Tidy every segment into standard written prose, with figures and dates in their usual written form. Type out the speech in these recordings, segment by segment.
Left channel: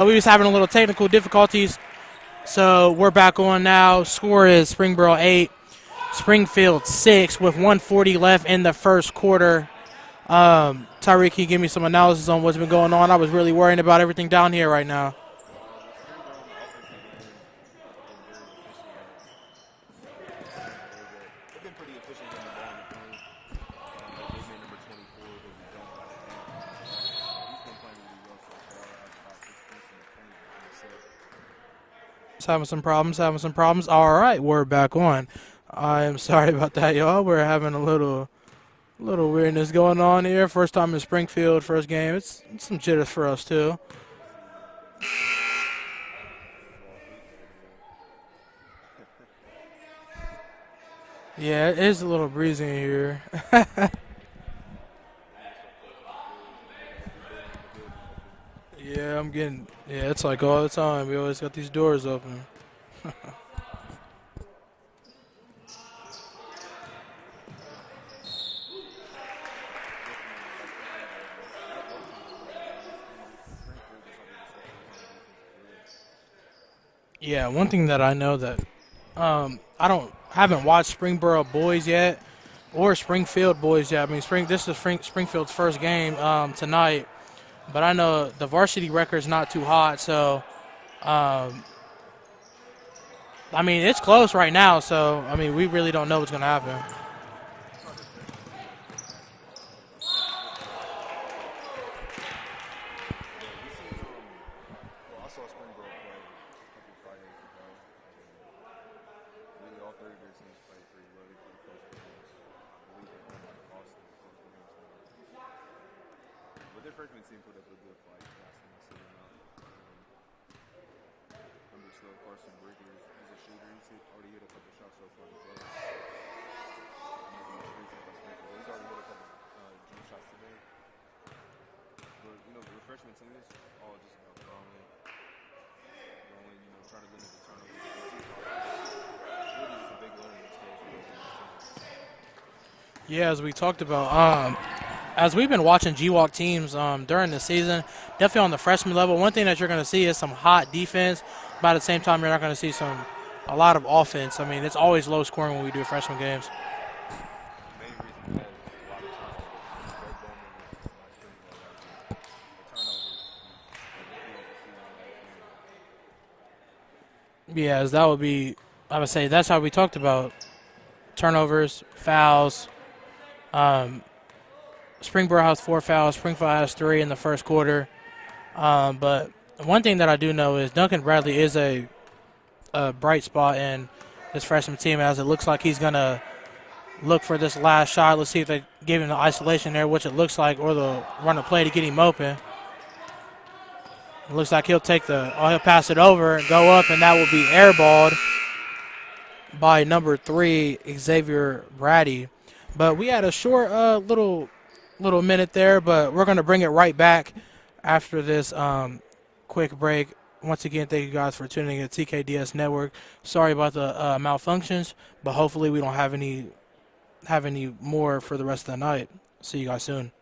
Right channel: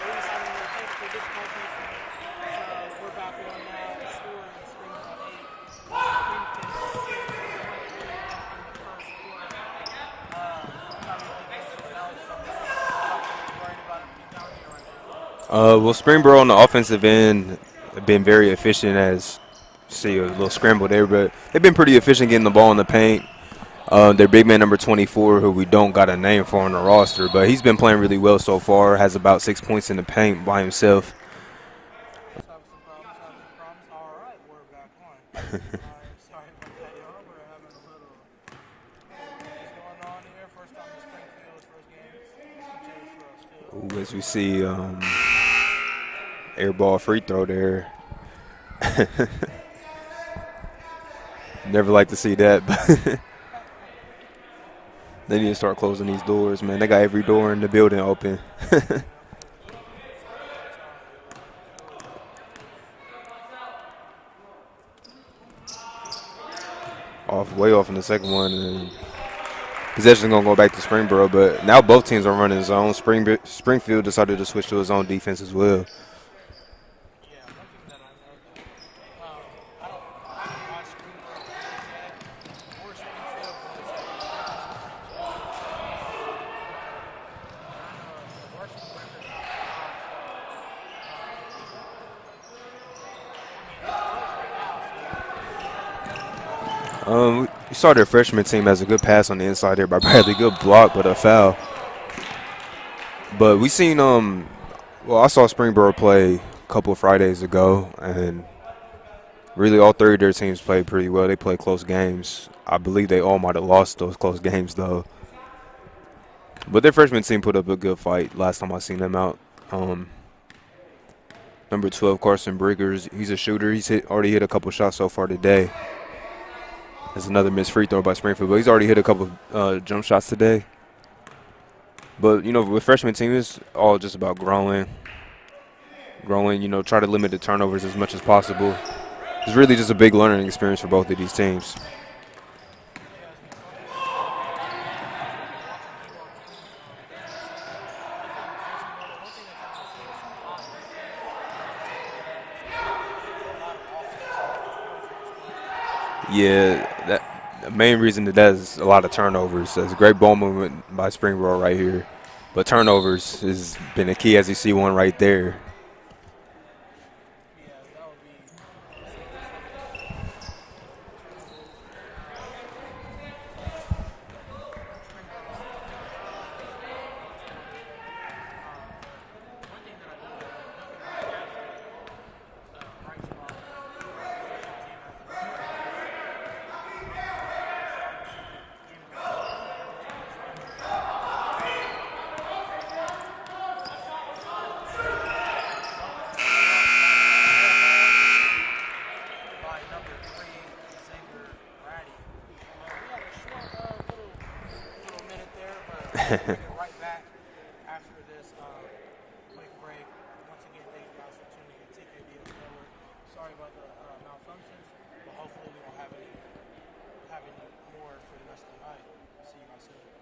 We was having a little technical difficulties, so we're back on now. Score is Springboro 8, Springfield 6 with 1:40 left in the first quarter. Tyreek, can you give me some analysis on what's been going on? I was really worrying about everything down here right now. Well, Springboro on the offensive end have been very efficient. As see a little scramble there, but they've been pretty efficient getting the ball in the paint. Their big man number 24, who we don't got a name for on the roster, but he's been playing really well so far. Has about 6 points in the paint by himself. It's having some problems. All right, we're back on. I am sorry about that, y'all. We're having a little weirdness going on here. First time in Springfield, first game. It's some jitters for us too. Ooh, as we see, air ball free throw there. Yeah, never like to see that. They need to start closing these doors, man. They got every door in the building open. Yeah, it's like all the time. We always got these doors open. Way off in the second one, and possession gonna go back to Springboro. But now both teams are running zone. Springfield decided to switch to his own defense as well. Yeah, one thing that I know that haven't watched Springboro boys yet, or Springfield boys yet. I mean, this is Springfield's first game tonight, but I know the varsity record's not too hot, so I mean, it's close right now, so, I mean, we really don't know what's going to happen. We saw their freshman team has a good pass on the inside there by Bradley. Good block, but a foul. But we seen, I saw Springboro play a couple of Fridays ago, and really all three of their teams played pretty well. They played close games. I believe they all might have lost those close games, though. But their freshman team put up a good fight last time I seen them out. Number 12, Carson Briggers, he's a shooter. He's already hit a couple shots so far today. There's another missed free throw by Springfield, but he's already hit a couple jump shots today. But, you know, with freshman team, it's all just about growing, you know, try to limit the turnovers as much as possible. It's really just a big learning experience for both of these teams. Yeah, as we talked about, as we've been watching GWalk teams during the season, definitely on the freshman level, one thing that you're going to see is some hot defense. But at the same time, you're not going to see a lot of offense. I mean, it's always low scoring when we do freshman games. Yeah, the main reason that is a lot of turnovers. That's a great ball movement by Springboro right here. But turnovers has been a key, as you see one right there. Yeah, as that would be, I would say that's how we talked about turnovers, fouls. Springboro has 4 fouls. Springfield has 3 in the first quarter. But one thing that I do know is Duncan Bradley is a bright spot in this freshman team, as it looks like he's going to look for this last shot. Let's see if they give him the isolation there, which it looks like, or they'll run a play to get him open. It looks like he'll pass it over and go up, and that will be airballed by number 3, Xavier Brady. But we had a short little minute there, but we're going to bring it right back after this quick break. Once again, thank you guys for tuning in to TKDS Network. Sorry about the malfunctions, but hopefully we don't have any more for the rest of the night. See you guys soon.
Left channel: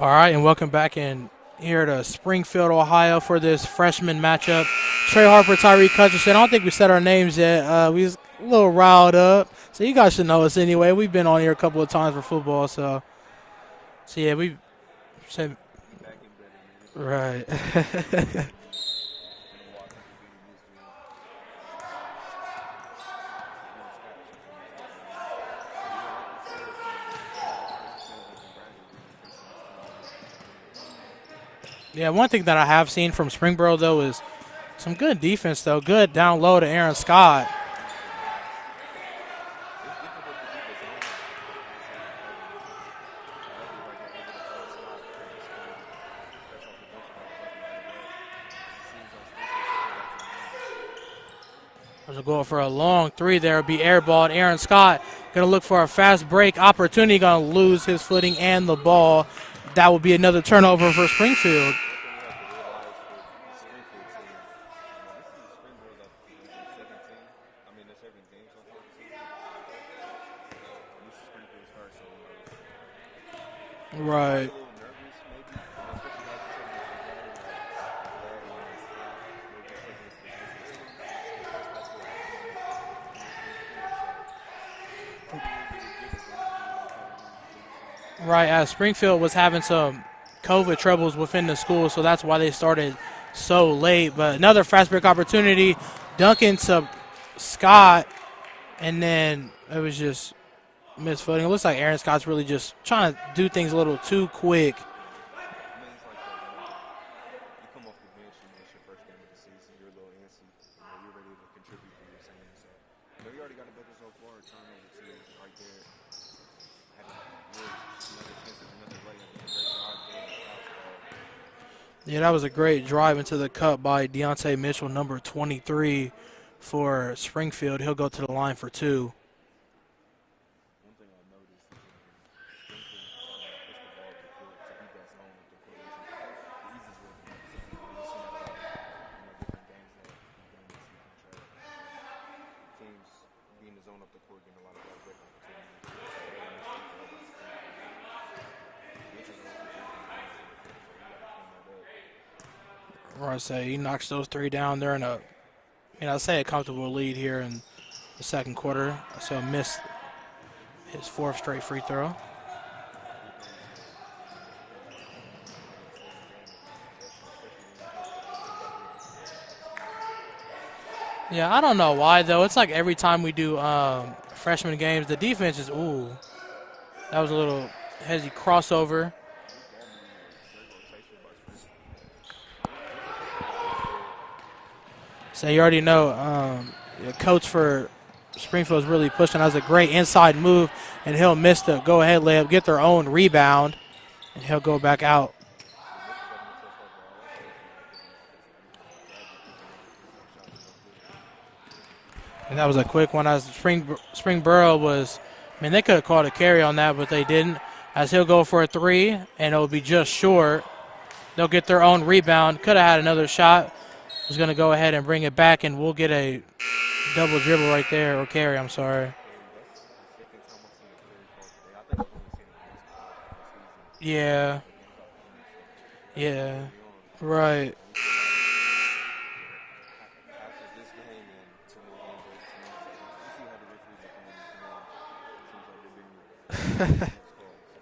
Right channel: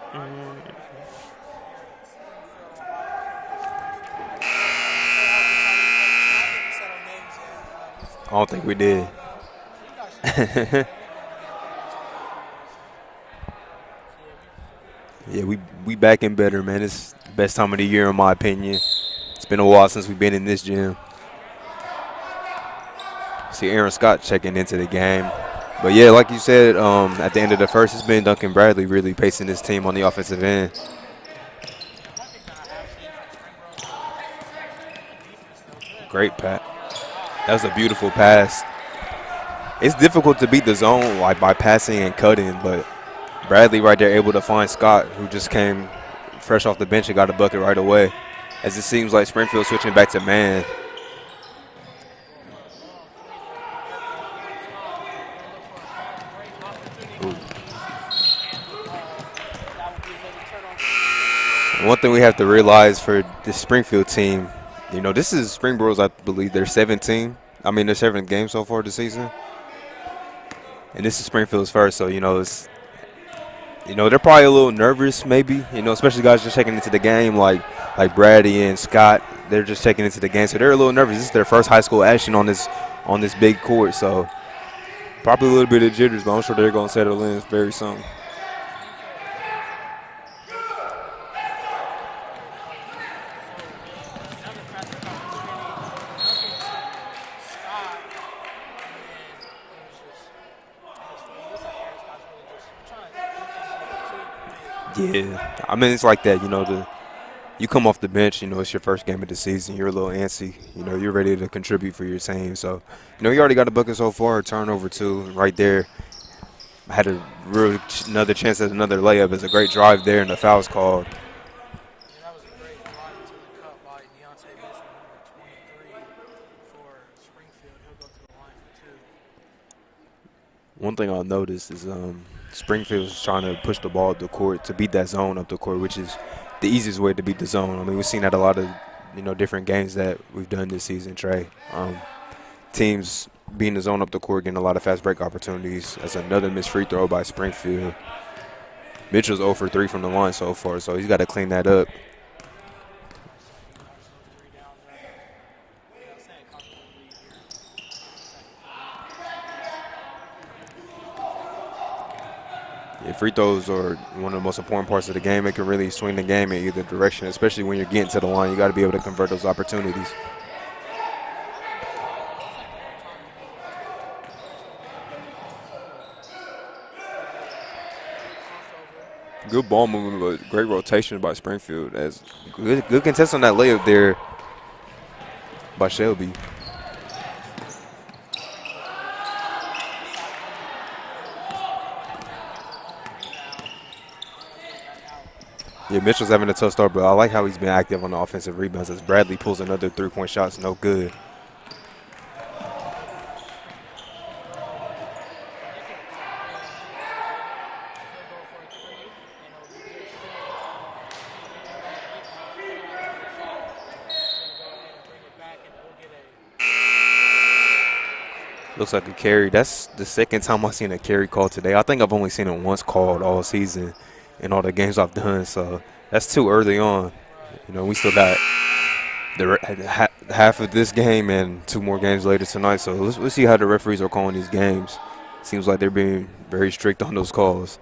All right, and welcome back in here to Springfield, Ohio for this freshman matchup. Trey Harper, Tyreek Hutchinson. I don't think we said our names yet. We was a little riled up. So you guys should know us anyway. We've been on here a couple of times for football. So yeah, we back and better, man. It's the best time of the year in my opinion. It's been a while since we've been in this gym. See Aaron Scott checking into the game. But, yeah, like you said, at the end of the first, it's been Duncan Bradley really pacing this team on the offensive end. Yeah, one thing that I have seen from Springboro, though, is some good defense, though. Good down low to Aaron Scott. That was a beautiful pass. It's difficult to beat the zone like by passing and cutting, but Bradley right there able to find Scott, who just came fresh off the bench and got a bucket right away. As it seems like Springfield switching back to man. There's a goal for a long three there. It'll be airballed. Aaron Scott going to look for a fast break opportunity. Going to lose his footing and the ball. That will be another turnover for Springfield. One thing we have to realize for this Springfield team, you know, this is Springboro's, I believe, their 7th game so far this season. And this is Springfield's first, so, you know, it's, you know, they're probably a little nervous maybe, you know, especially guys just checking into the game like Brady and Scott. They're just checking into the game, so they're a little nervous. This is their first high school action on this big court, so probably a little bit of jitters, but I'm sure they're going to settle in very soon. Right, as Springfield was having some COVID troubles within the school, so that's why they started so late. But another fast break opportunity, Duncan to Scott, and then it was just missed footing. It looks like Aaron Scott's really just trying to do things a little too quick. Yeah, I mean, it's like that, you know, you come off the bench, you know, it's your first game of the season. You're a little antsy. You know, you're ready to contribute for your team. So, you know, you already got a bucket so far, turnover two right there. I had another chance at another layup. It's a great drive there, and the foul's called. Yeah, that was a great drive into the cup by Deontay Mitchell, number 23 for Springfield. He'll go to the line for two. One thing I'll notice is Springfield's trying to push the ball up the court to beat that zone up the court, which is the easiest way to beat the zone. I mean, we've seen that a lot of, you know, different games that we've done this season, Trey. Teams beating the zone up the court, getting a lot of fast break opportunities. That's another missed free throw by Springfield. Mitchell's 0 for 3 from the line so far, so he's got to clean that up. Or I say he knocks those three down. They're in a comfortable lead here in the second quarter. So missed his 4th straight free throw. Yeah, free throws are one of the most important parts of the game. It can really swing the game in either direction, especially when you're getting to the line. You got to be able to convert those opportunities. Yeah, I don't know why, though. It's like every time we do freshman games, the defense is, that was a little heavy crossover. Good ball movement, but great rotation by Springfield. As good contest on that layup there. So you already know the coach for Springfield is really pushing. That was a great inside move, and he'll miss the go-ahead layup, get their own rebound, and he'll go back out. Yeah, Mitchell's having a tough start, but I like how he's been active on the offensive rebounds as Bradley pulls another three-point shot. It's no good. And that was a quick one. As Springboro was, I mean, they could have called a carry on that, but they didn't. As he'll go for a three, and it'll be just short. They'll get their own rebound. Could have had another shot. He's going to go ahead and bring it back, and we'll get a double dribble right there, or carry, I'm sorry. Looks like a carry. That's the second time I've seen a carry called today. I think I've only seen it once called all season. Yeah. In all the games I've done, so that's too early on. Right. You know, we still got half of this game and 2 more games later tonight, so let's see how the referees are calling these games. Seems like they're being very strict on those calls.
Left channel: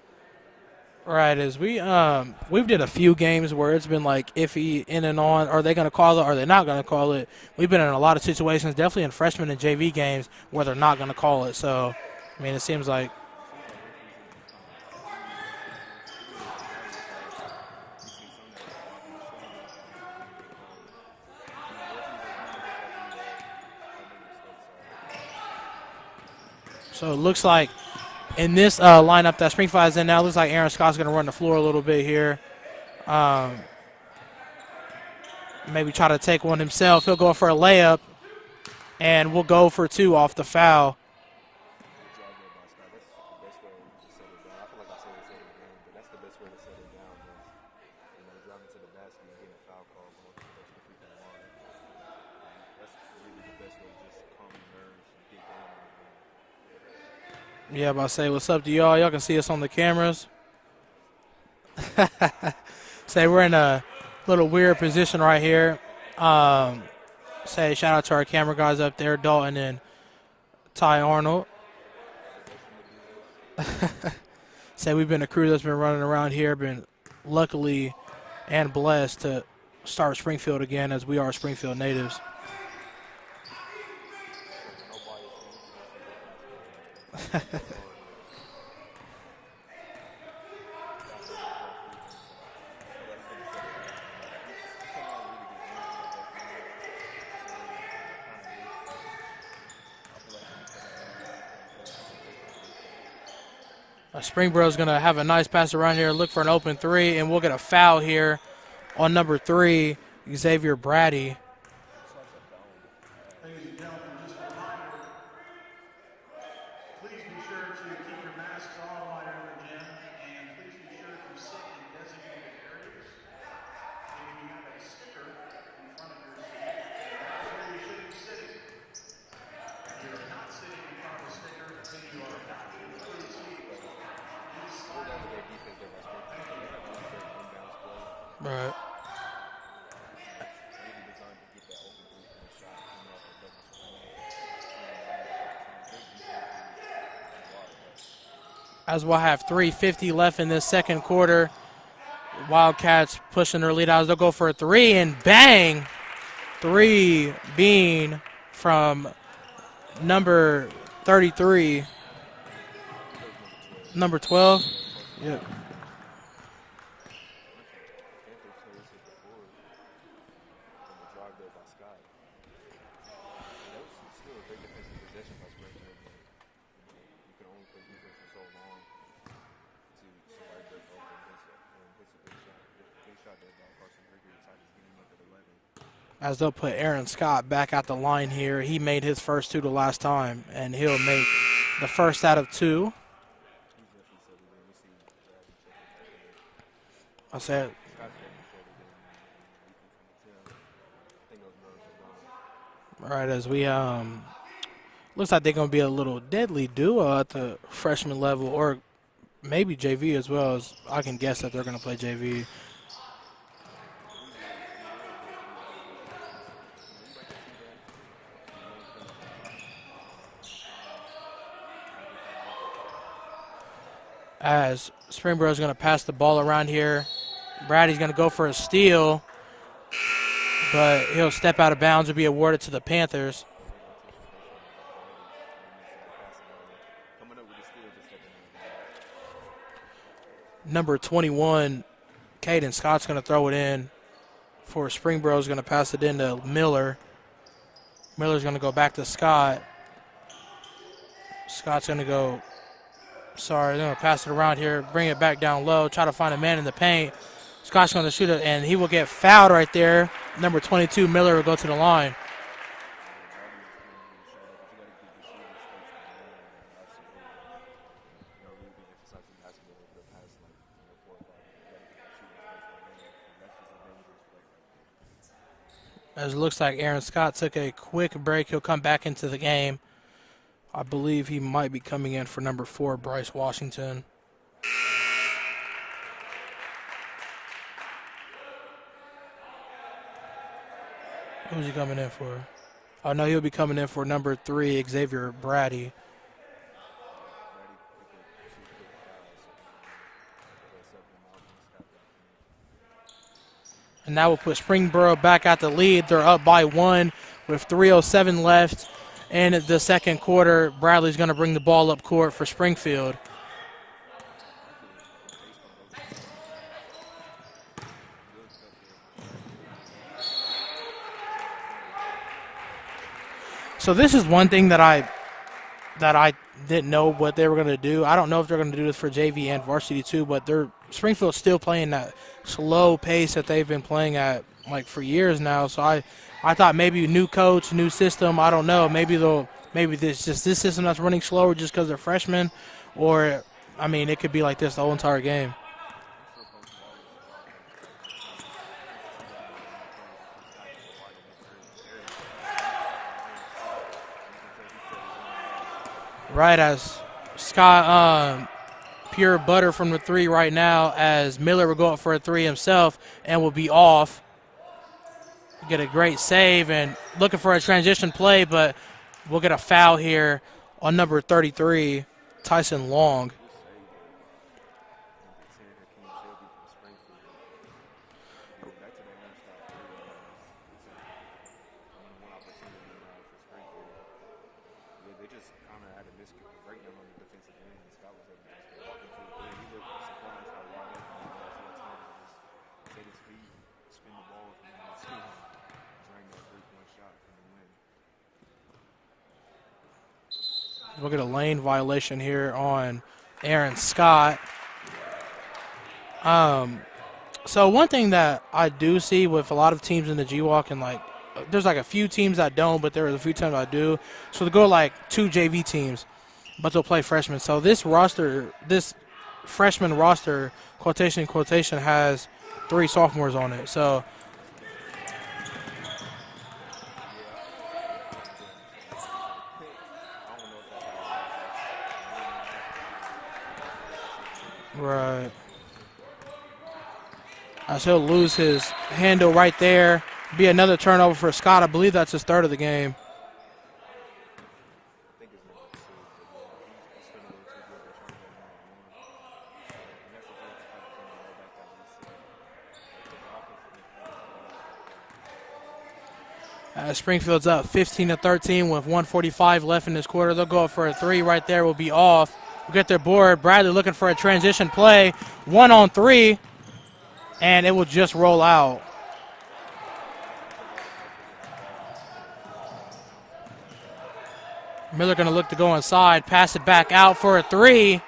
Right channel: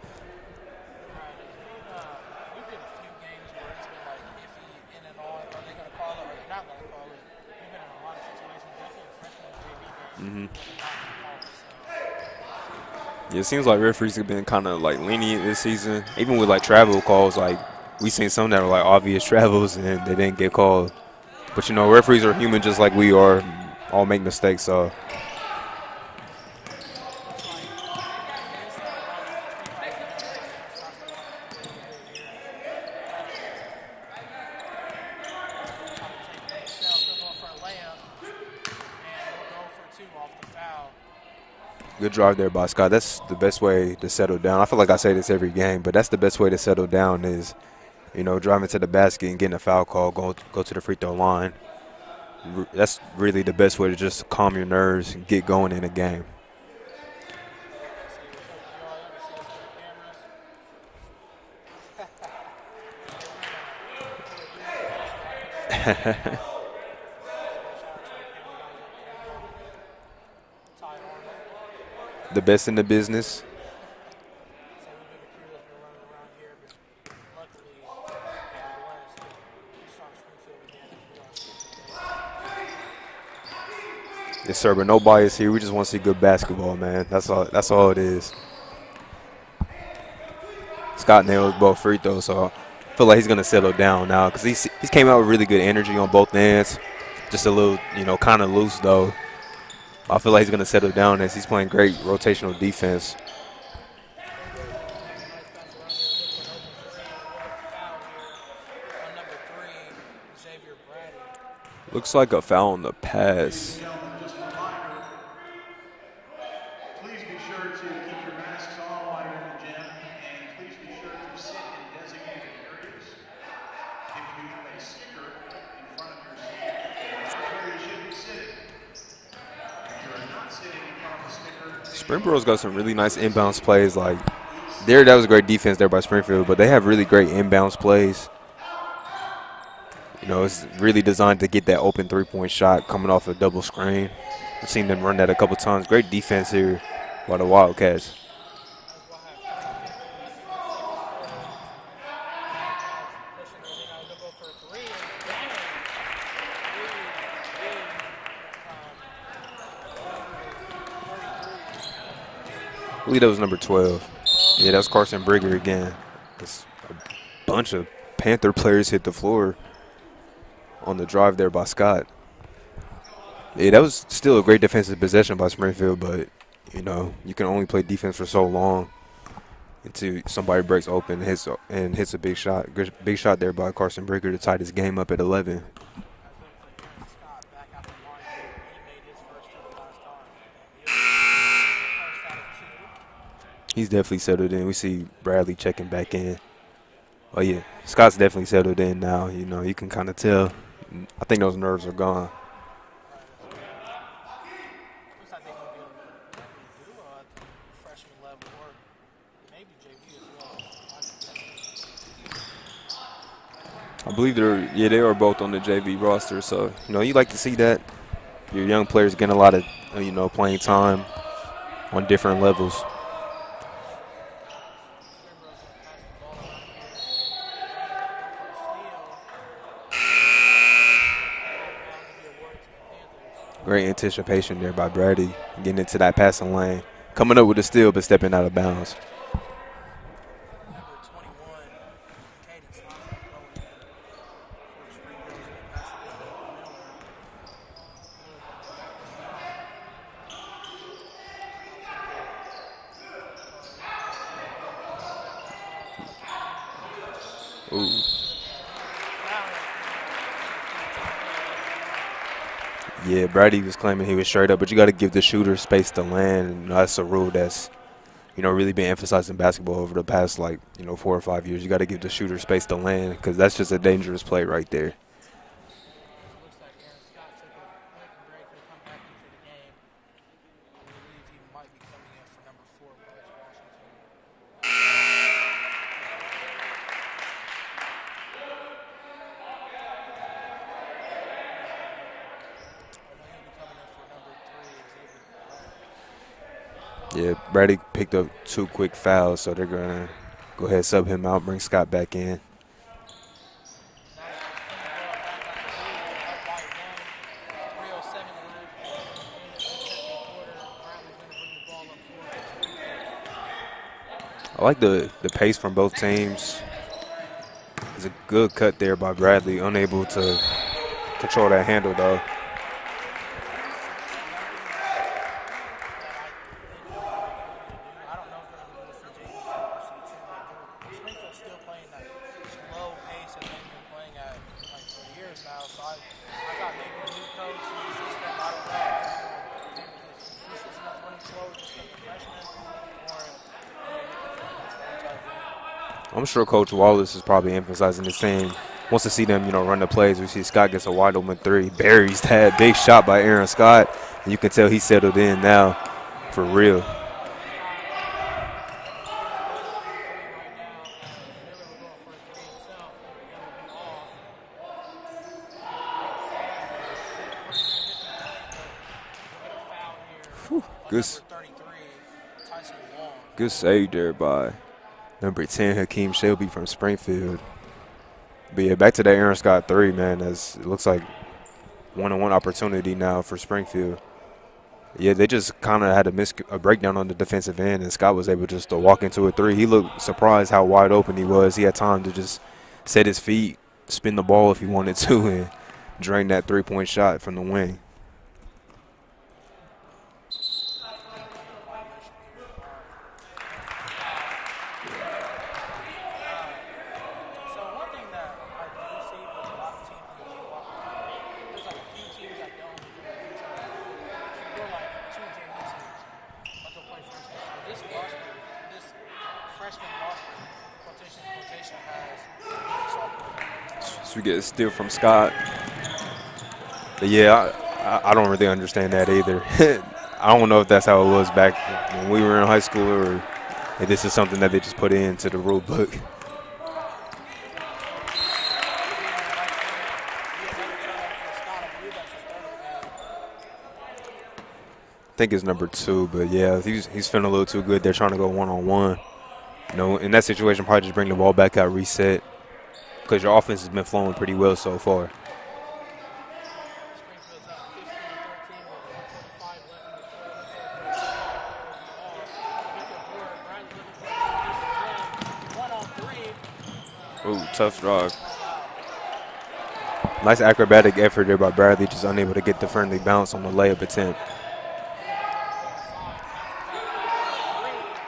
Right, as we've did a few games where it's been like iffy in and on. Are they going to call it? Or are they not going to call it? We've been in a lot of situations, definitely in freshman and JV games, where they're not going to call it. So, I mean, it seems like referees have been kind of like lenient this season, even with like travel calls. Like we seen some that were like obvious travels and they didn't get called. But you know, referees are human just like we are. All make mistakes. So it looks like in this lineup that Springfield is in now, looks like Aaron Scott's going to run the floor a little bit here. Maybe try to take one himself. He'll go for a layup, and we'll go for 2 off the foul. Good drive there by Scott. That's the best way to settle down. I feel like I say this every game, but that's the best way to settle down is, you know, driving to the basket and getting a foul call, go to the free throw line. That's really the best way to just calm your nerves and get going in a game. Yeah, but I say what's up to y'all. Y'all can see us on the cameras. Say we're in a little weird position right here. Say shout out to our camera guys up there, Dalton and Ty Arnold. The best in the business. Say we've been a crew that's been running around here, been luckily and blessed to start Springfield again, as we are Springfield natives. Yes, sir, but no bias here. We just want to see good basketball, man. That's all it is. Scott nailed both free throws, so I feel like he's going to settle down now because he's came out with really good energy on both ends. Just a little, you know, kind of loose, though. I feel like he's going to settle down as he's playing great rotational defense. Springboro's going to have a nice pass around here, look for an open three, and we'll get a foul here on number 3, Xavier Brady. Looks like a foul on the pass. Springboro's got some really nice inbounds plays. Like, that was a great defense there by Springfield, but they have really great inbounds plays. Right. You know, it's really designed to get that open three-point shot coming off a double screen. I've seen them run that a couple times. Great defense here by the Wildcats. As we'll have 3:50 left in this second quarter. Wildcats pushing their lead out. They'll go for a 3, and bang! 3 being from number 33. I believe that was number 12. Number 12? Yeah, that's Carson Brigger again. It's a bunch of Panther players hit the floor on the drive there by Scott. Yeah, that was still a great defensive possession by Springfield, but, you know, you can only play defense for so long until somebody breaks open and hits a big shot. Big shot there by Carson Brigger to tie this game up at 11. As they'll put Aaron Scott back at the line here. He made his first 2 the last time, and he'll make the first out of 2. He's definitely settled in. We see Bradley checking back in. Oh, yeah. Scott's definitely settled in now. You know, you can kind of tell. I think those nerves are gone. Right, as we looks like they're going to be a little deadly duo at the freshman level, or maybe JV as well. As I can guess that they're going to play JV. I believe they are both on the JV roster. So, you know, you like to see that. Your young players getting a lot of, you know, playing time on different levels. As Springboro's going to pass the ball around here. Brady's going to go for a steal, but he'll step out of bounds and be awarded to the Panthers. Great anticipation there by Brady, getting into that passing lane. Coming up with a steal, but stepping out of bounds. Number 21, Caden Scott's going to throw it in for Springboro's going to pass it into Miller. Miller's going to go back to Scott. Scott's going to go, they're going to pass it around here, bring it back down low, try to find a man in the paint. Scott's going to shoot it, and he will get fouled right there. Number 22, Miller, will go to the line. Yeah, Brady was claiming he was straight up, but you got to give the shooter space to land. And that's a rule that's, you know, really been emphasized in basketball over the past, 4 or 5 years. You got to give the shooter space to land because that's just a dangerous play right there. As it looks like Aaron Scott took a quick break, he'll come back into the game. I believe he might be coming in for number 4, Bryce Washington. Who's he coming in for? Oh, no, he'll be coming in for number 3, Xavier Brady. Yeah, Brady picked up 2 quick fouls, so they're going to go ahead and sub him out, bring Scott back in. And that will put Springboro back at the lead. They're up by 1 with 3:07 left in the second quarter. Bradley's going to bring the ball up court for Springfield. I like the pace from both teams. It's a good cut there by Bradley, unable to control that handle, though. So this is one thing that I didn't know what they were going to do. I don't know if they're going to do this for JV and varsity too, but Springfield's still playing that slow pace that they've been playing at for years now. So I thought maybe new coach, new system. I don't know. Maybe this system that's running slower just because they're freshmen, or I mean it could be like this the whole entire game. I'm sure Coach Wallace is probably emphasizing the same. Wants to see them, run the plays. We see Scott gets a wide open 3, buries that big shot by Aaron Scott, and you can tell he's settled in now. For right, real. as Scott pure butter from the 3 right now, as Miller will go up for a 3 himself and will be off. Get a great save and looking for a transition play, but we'll get a foul here on number 33, Tyson Long. Good save there by number 10, Hakeem Shelby from Springfield. But yeah, back to that Aaron Scott 3, man. As it looks like one-on-one opportunity now for Springfield. Yeah, they just kind of had a breakdown on the defensive end, and Scott was able just to walk into a 3. He looked surprised how wide open he was. He had time to just set his feet, spin the ball if he wanted to, and drain that 3-point shot from the wing. We'll get a lane violation here on Aaron Scott. So one thing that I do see with a lot of teams in the G-Walk, and like there's like a few teams that don't, but there are a few teams that do. So they go like 2 JV teams, but they'll play freshmen. So this roster, this freshman roster, quotation, has 3 sophomores on it. So we get a steal from Scott. But yeah, I don't really understand that either. I don't know if that's how it was back when we were in high school, or if this is something that they just put into the rule book. He'll lose his handle right there. Be another turnover for Scott. I believe that's his 3rd of the game. I think it's number 2, but yeah, he's feeling a little too good. They're trying to go one-on-one. You know, in that situation, probably just bring the ball back out, reset, because your offense has been flowing pretty well so far. Springfield's up 15-13 with 1:45 left in this quarter. They'll go up for a 3 right there. Will be off. We'll get their board. Bradley looking for a transition play. 1-on-3, and it will just roll out. Nice acrobatic effort there by Bradley, just unable to get the friendly bounce on the layup attempt. Miller going to look to go inside, pass it back out for a 3,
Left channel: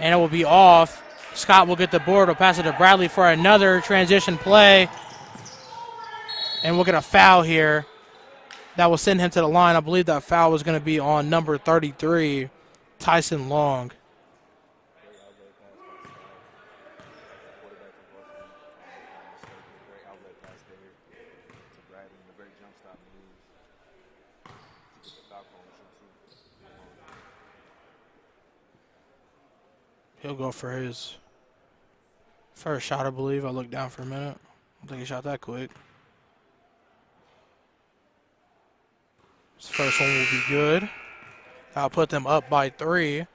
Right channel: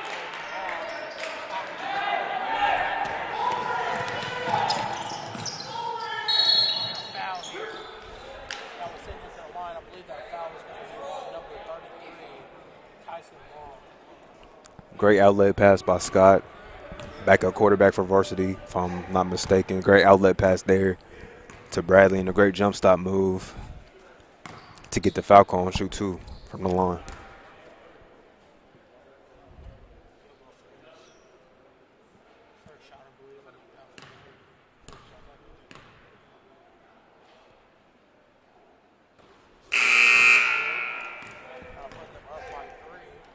and it will be off. Scott will get the board. Will pass it to Bradley for another transition play. And we'll get a foul here that will send him to the line. I believe that foul was going to be on number 33, Tyson Long. Great outlet pass by Scott. Backup quarterback for varsity, if I'm not mistaken. Great outlet pass there to Bradley, and a great jump stop move to get the foul call and shoot 2 from the line. He'll go for his first shot, I believe. I looked down for a minute. I think he shot that quick. His first one will be good. I'll put them up by 3.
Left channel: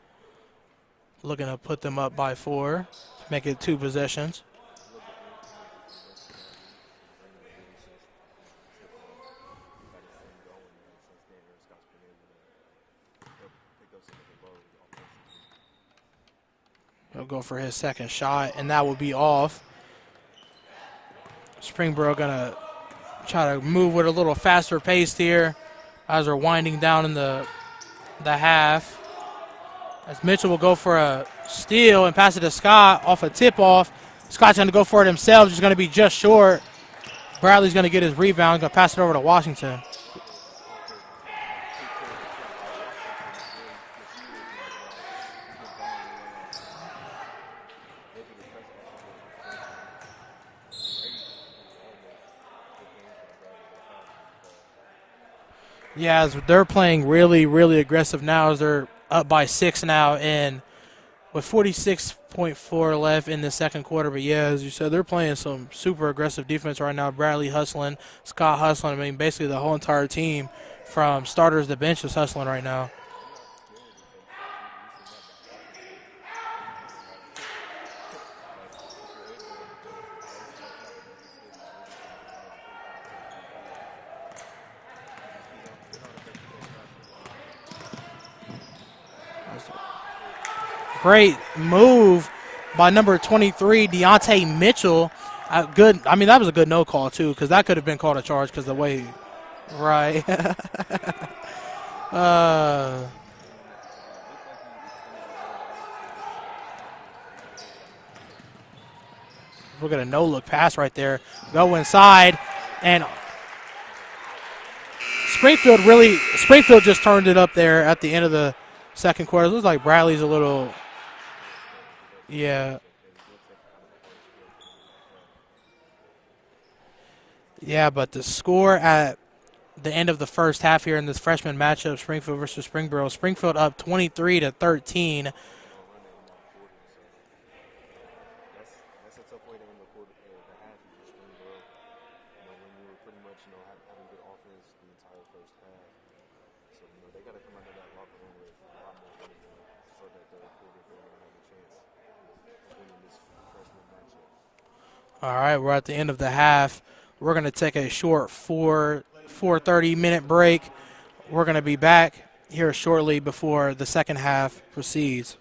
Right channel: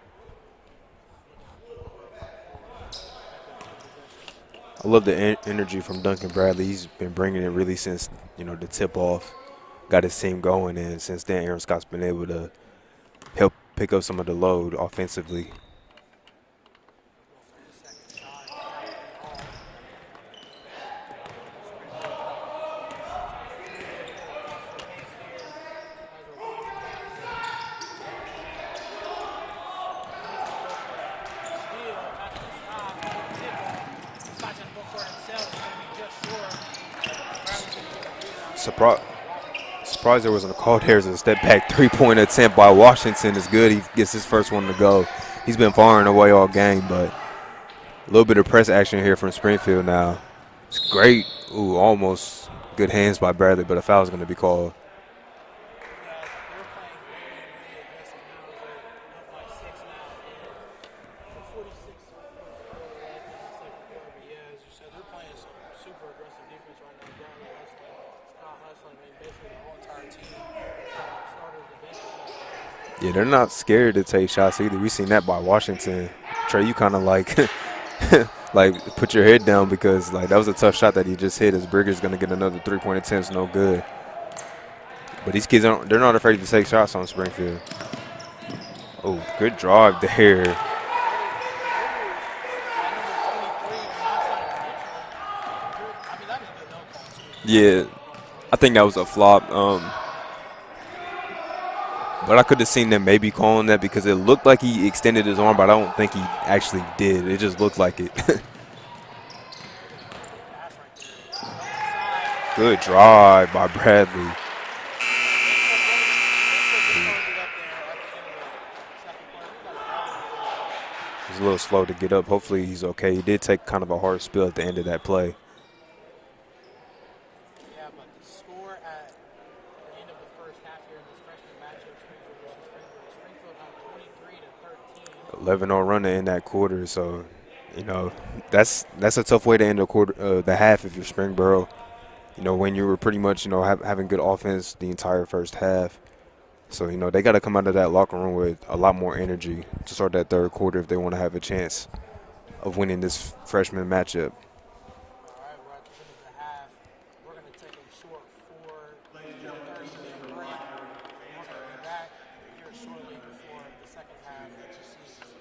Looking to put them up by 4. Make it 2 possessions. I love the energy from Duncan Bradley. He's been bringing it really since, you know, the tip-off. Got his team going, and since then Aaron Scott's been able to help pick up some of the load offensively. He'll go for his second shot, and that will be off. Springboro gonna try to move with a little faster pace here as we're winding down in the half. As Mitchell will go for a steal and pass it to Scott off a tip-off. Scott's going to go for it himself. Just going to be just short. Bradley's going to get his rebound. Going to pass it over to Washington. Surprised there wasn't a call there as a step-back three-point attempt by Washington is good. He gets his first one to go. He's been firing away all game, but a little bit of press action here from Springfield now. It's great. Ooh, almost good hands by Bradley, but a foul is going to be called. Yeah, as they're playing really, really aggressive now as they're up by 6 now, and with 46.4 left in the second quarter. But yeah, as you said, they're playing some super aggressive defense right now. Bradley hustling, Scott hustling. I mean, basically the whole entire team from starters to bench is hustling right now. Yeah, they're not scared to take shots either. We've seen that by Washington. Trey, you kind of like like put your head down because like that was a tough shot that he just hit as Brigger's going to get another three-point attempt. No good. But these kids, they're not afraid to take shots on Springfield. Oh, good drive there. Great move by number 23, Deontay Mitchell. Good. I mean, that was a good no call, too, because that could have been called a charge. I think that was a flop. Right. But I could have seen them maybe calling that because it looked like he extended his arm, but I don't think he actually did. It just looked like it. Look at a no-look pass right there. Go inside. Good drive by Bradley. Springfield just turned it up there at the end of the second quarter. It looks like Bradley's a little slow to get up. Hopefully he's okay. He did take kind of a hard spill at the end of that play. Yeah, but the score at the end of the first half here in this freshman matchup, Springfield versus Springboro, Springfield up 23-13. 11-0 run to end that quarter. So, you know, that's a tough way to end the half if you're Springboro. You know, when you were pretty much, you know, having good offense the entire first half. So, you know, they got to come out of that locker room with a lot more energy to start that third quarter if they want to have a chance of winning this freshman matchup. All right, we're at the end of the half. We're going to take a short 4:30-minute break. We're going to be back here shortly before the second half proceeds.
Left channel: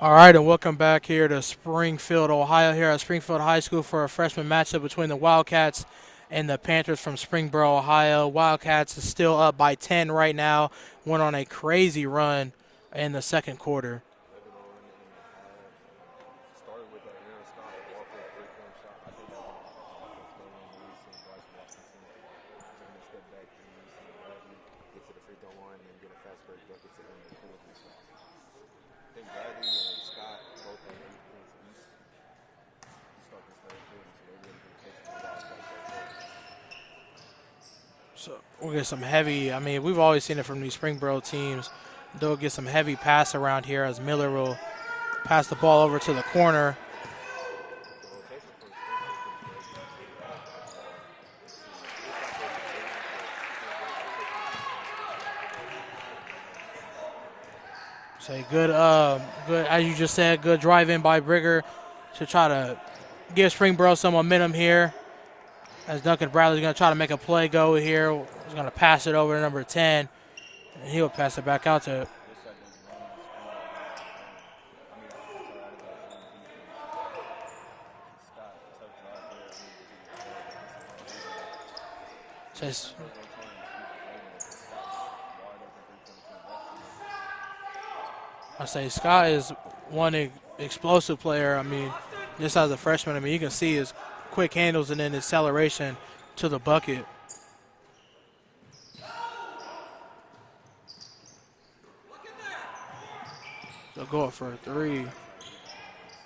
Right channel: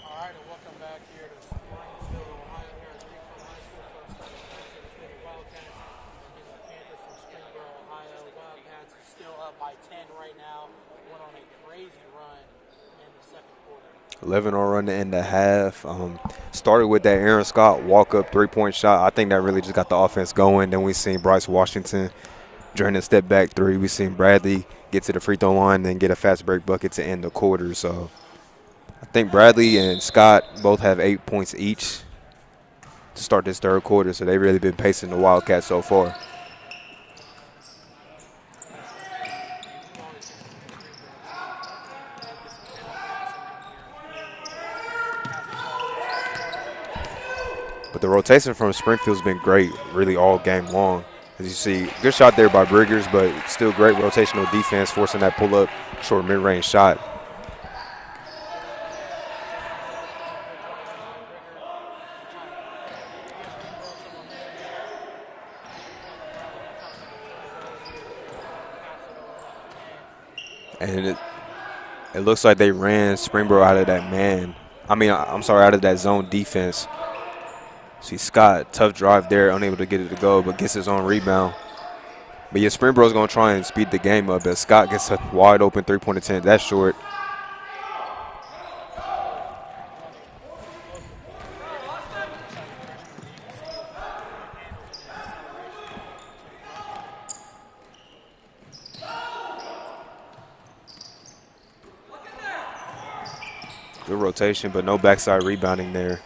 All right, and welcome back here to Springfield, Ohio, here at Springfield High School for a freshman matchup between the Wildcats and the Panthers from Springboro, Ohio. Wildcats is still up by 10 right now. Went on a crazy run in the second quarter. 11 on run in the half. Started with that Aaron Scott walk-up three-point shot. I think that really just got the offense going. Then we seen Bryce Washington during the step-back three. We seen Bradley get to the free throw line and get a fast break bucket to end the quarter. So I think Bradley and Scott both have 8 points each to start this third quarter. So they've really been pacing the Wildcats so far. So we'll get some heavy. I mean, we've always seen it from these Springboro teams. They'll get some heavy pass around here as Miller will pass the ball over to the corner. But the rotation from Springfield's been great really all game long. As you see, good shot there by Briggers, but still great rotational defense, forcing that pull-up short mid-range shot. So good, as you just said, good drive in by Brigger to try to give Springboro some momentum here. As Duncan Bradley's going to try to make a play go here. He's going to pass it over to number 10. And he'll pass it back out to. It looks like they ran Springboro out of that man. Out of that zone defense. See Scott, tough drive there, unable to get it to go, but gets his own rebound. But yeah, Springboro's going to try and speed the game up as Scott gets a wide open three-point attempt. That's short. I say Scott is one explosive player. I mean, just as a freshman, I mean, you can see his quick handles and then acceleration to the bucket. Good rotation, but no backside rebounding there.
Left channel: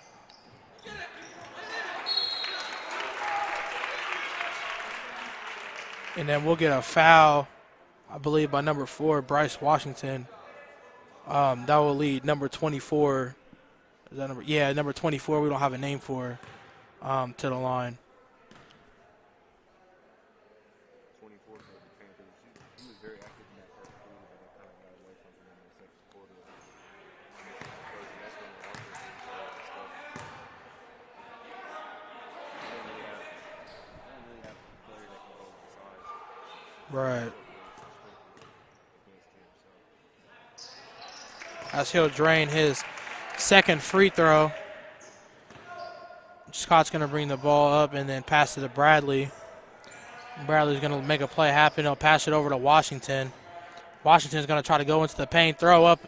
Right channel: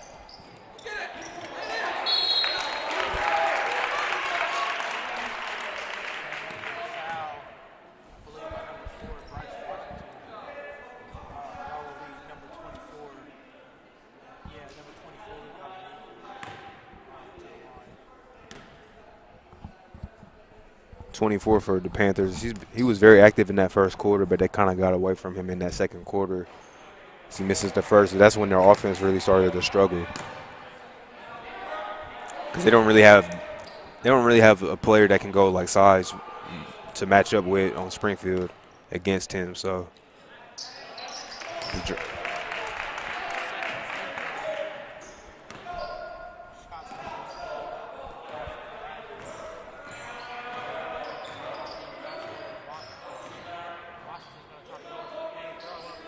And then we'll get a foul, I believe, by number 4, Bryce Washington. That will lead number 24. Is that number? Yeah, number 24. We don't have a name for to the line. 24 for the Panthers. He was very active in that first quarter, but they kind of got away from him in that second quarter. He misses the first. That's when their offense really started to struggle, because they don't really have a player that can go like size to match up with on Springfield against him. So as he'll drain his second free throw. Scott's going to bring the ball up and then pass it to Bradley. Bradley's going to make a play happen. He'll pass it over to Washington. Washington's going to try to go into the paint, throw up,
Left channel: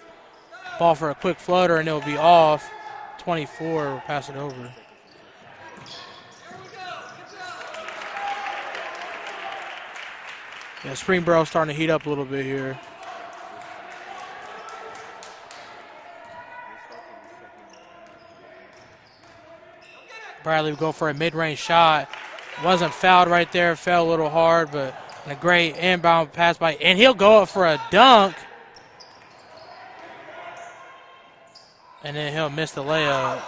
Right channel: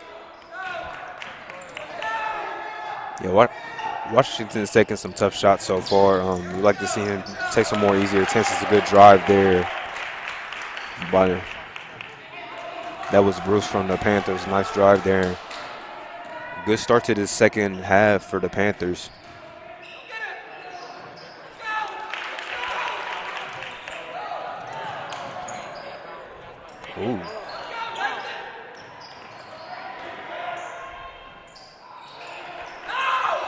ball for a quick floater, and it'll be off. 24. Washington's taking some tough shots so far. We'd like to see him take some more easier attempts. It's a good drive there. Yeah, Springboro's starting to heat up a little bit here. That was Bruce from the Panthers. Nice drive there. Good start to the second half for the Panthers. Bradley will go for a mid-range shot. Wasn't fouled right there. Fell a little hard, but a great inbound pass by. And he'll go up for a dunk. And then he'll miss the layup.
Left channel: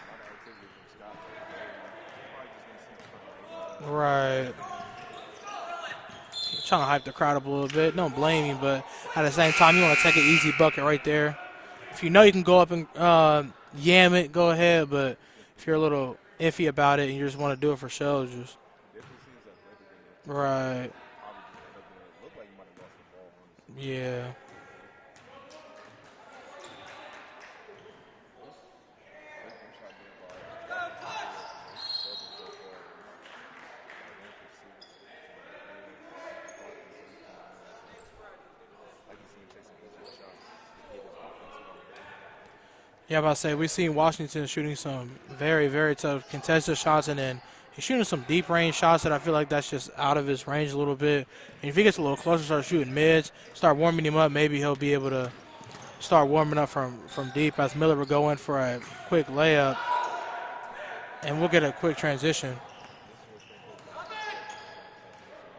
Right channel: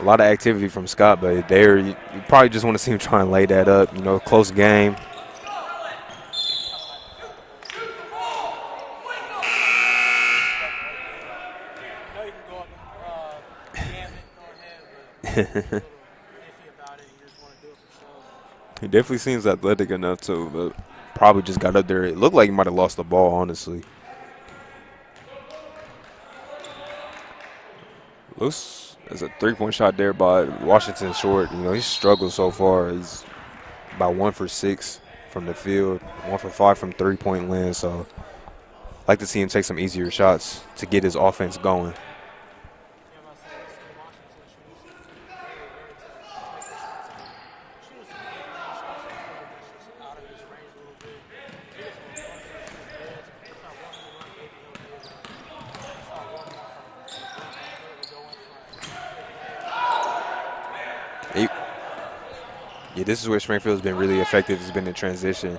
A lot of activity from Scott, but there you probably just want to see him try and lay that up. Right. You know, close game. Trying to hype the crowd up a little bit. Don't blame him, but at the same time, you want to take an easy bucket right there. If you know you can go up and yam it, go ahead. But if you're a little iffy about it and you just want to do it for show, just. He definitely seems athletic enough to. Right. Probably just got up there. It looked like he might have lost the ball, honestly. Yeah. Looks as a three-point shot there by Washington short. You know, he's struggled so far. He's about 1 for 6 from the field, 1 for 5 from three-point land. So I'd like to see him take some easier shots to get his offense going. Yeah, I'm about to say, we've seen Washington shooting some very, very tough contested shots, and then he's shooting some deep range shots that I feel like that's just out of his range a little bit. And if he gets a little closer, start shooting mids, start warming him up, maybe he'll be able to start warming up from deep as Miller will go in for a quick layup. And we'll get a quick transition. Yeah, this is where Springfield's been really effective. It's been in transition.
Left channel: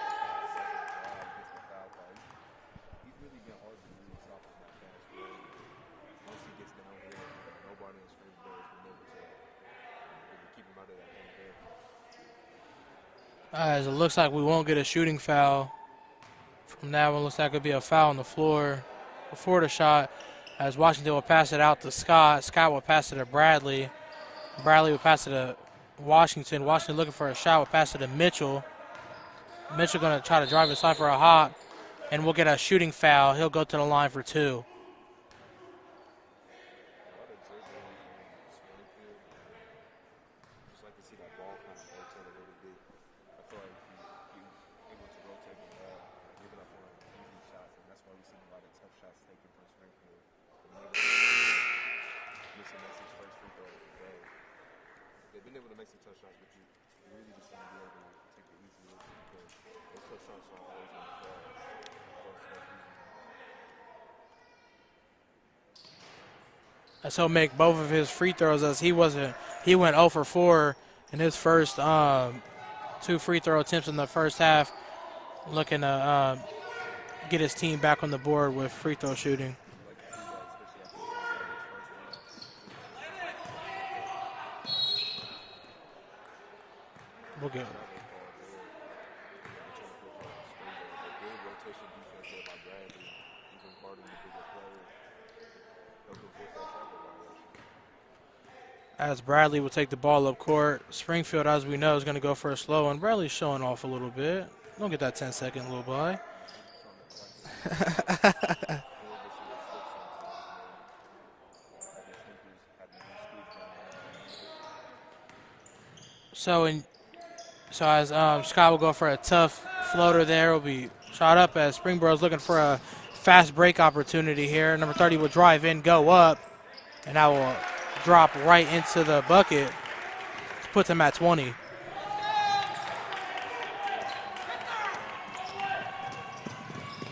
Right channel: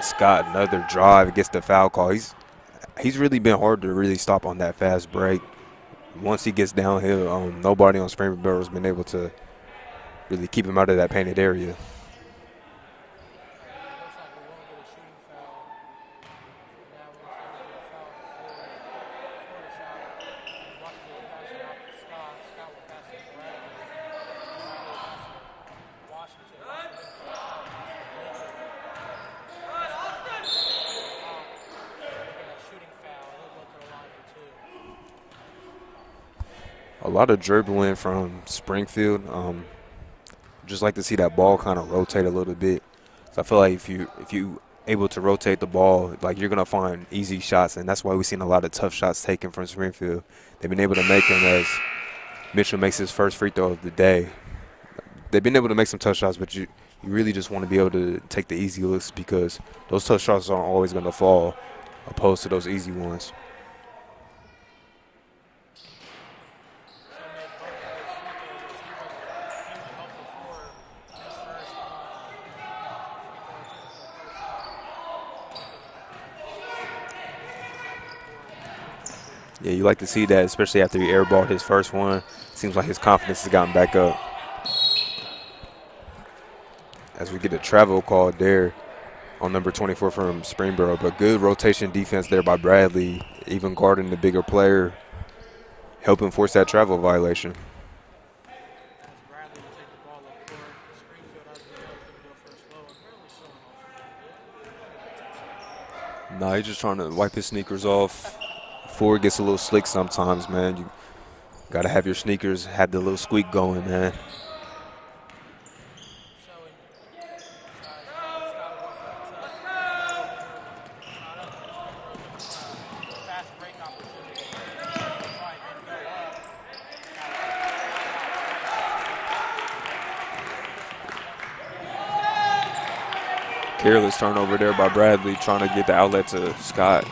Scott, another drive, gets the foul call. He's really been hard to really stop on that fast break. Once he gets downhill, nobody on Springboro has been able to really keep him out of that painted area. As it looks like we won't get a shooting foul from that one. Looks like it'll be a foul on the floor before the shot, as Washington will pass it out to Scott. Scott will pass it to Bradley. Bradley will pass it to Washington. Washington looking for a shot, will pass it to Mitchell. Mitchell going to try to drive inside for a hop, and we'll get a shooting foul. He'll go to the line for 2. A lot of dribbling from Springfield. Just like to see that ball kind of rotate a little bit. So I feel like if you able to rotate the ball, like you're gonna find easy shots, and that's why we've seen a lot of tough shots taken from Springfield. They've been able to make them as Mitchell makes his first free throw of the day. They've been able to make some tough shots, but you really just want to be able to take the easy looks because those tough shots aren't always going to fall opposed to those easy ones. And so make both of his free throws as he went 0 for 4 in his first 2 free throw attempts in the first half, looking to get his team back on the board with free throw shooting. Yeah, you like to see that, especially after he airballed his first one. Seems like his confidence has gotten back up. As we get a travel call there on number 24 from Springboro, but good rotation defense there by Bradley, even guarding the bigger player, helping force that travel violation. As Bradley will take the ball up court, Springfield, as we know, is going to go for a slow, and Bradley's showing off a little bit. Don't get that 10-second go by. Nah, he's just trying to wipe his sneakers off. Before it gets a little slick sometimes, man. You got to have your sneakers have the little squeak going, man. So as Scott will go for a tough floater there, will be shot up as Springboro's looking for a fast break opportunity here. Number 30 will drive in, go up, and that will drop right into the bucket. Puts him at 20. Careless turnover there by Bradley, trying to get the outlet to Scott.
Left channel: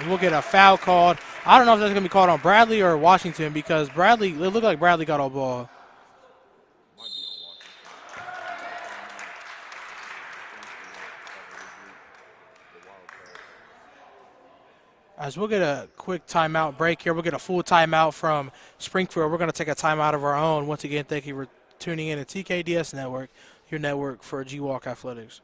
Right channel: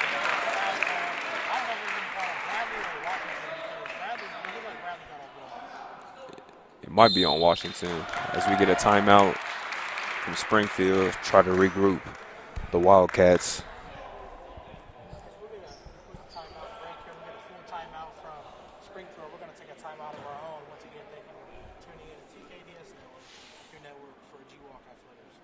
And we'll get a foul called. I don't know if that's going to be called on Bradley or Washington because it looked like Bradley got all ball. It might be on Washington as we get a timeout from Springfield, try to regroup the Wildcats. As we'll get a quick timeout break here. We'll get a full timeout from Springfield. We're going to take a timeout of our own. Once again, thank you for tuning in to TKDS Network, your network for G-Walk Athletics.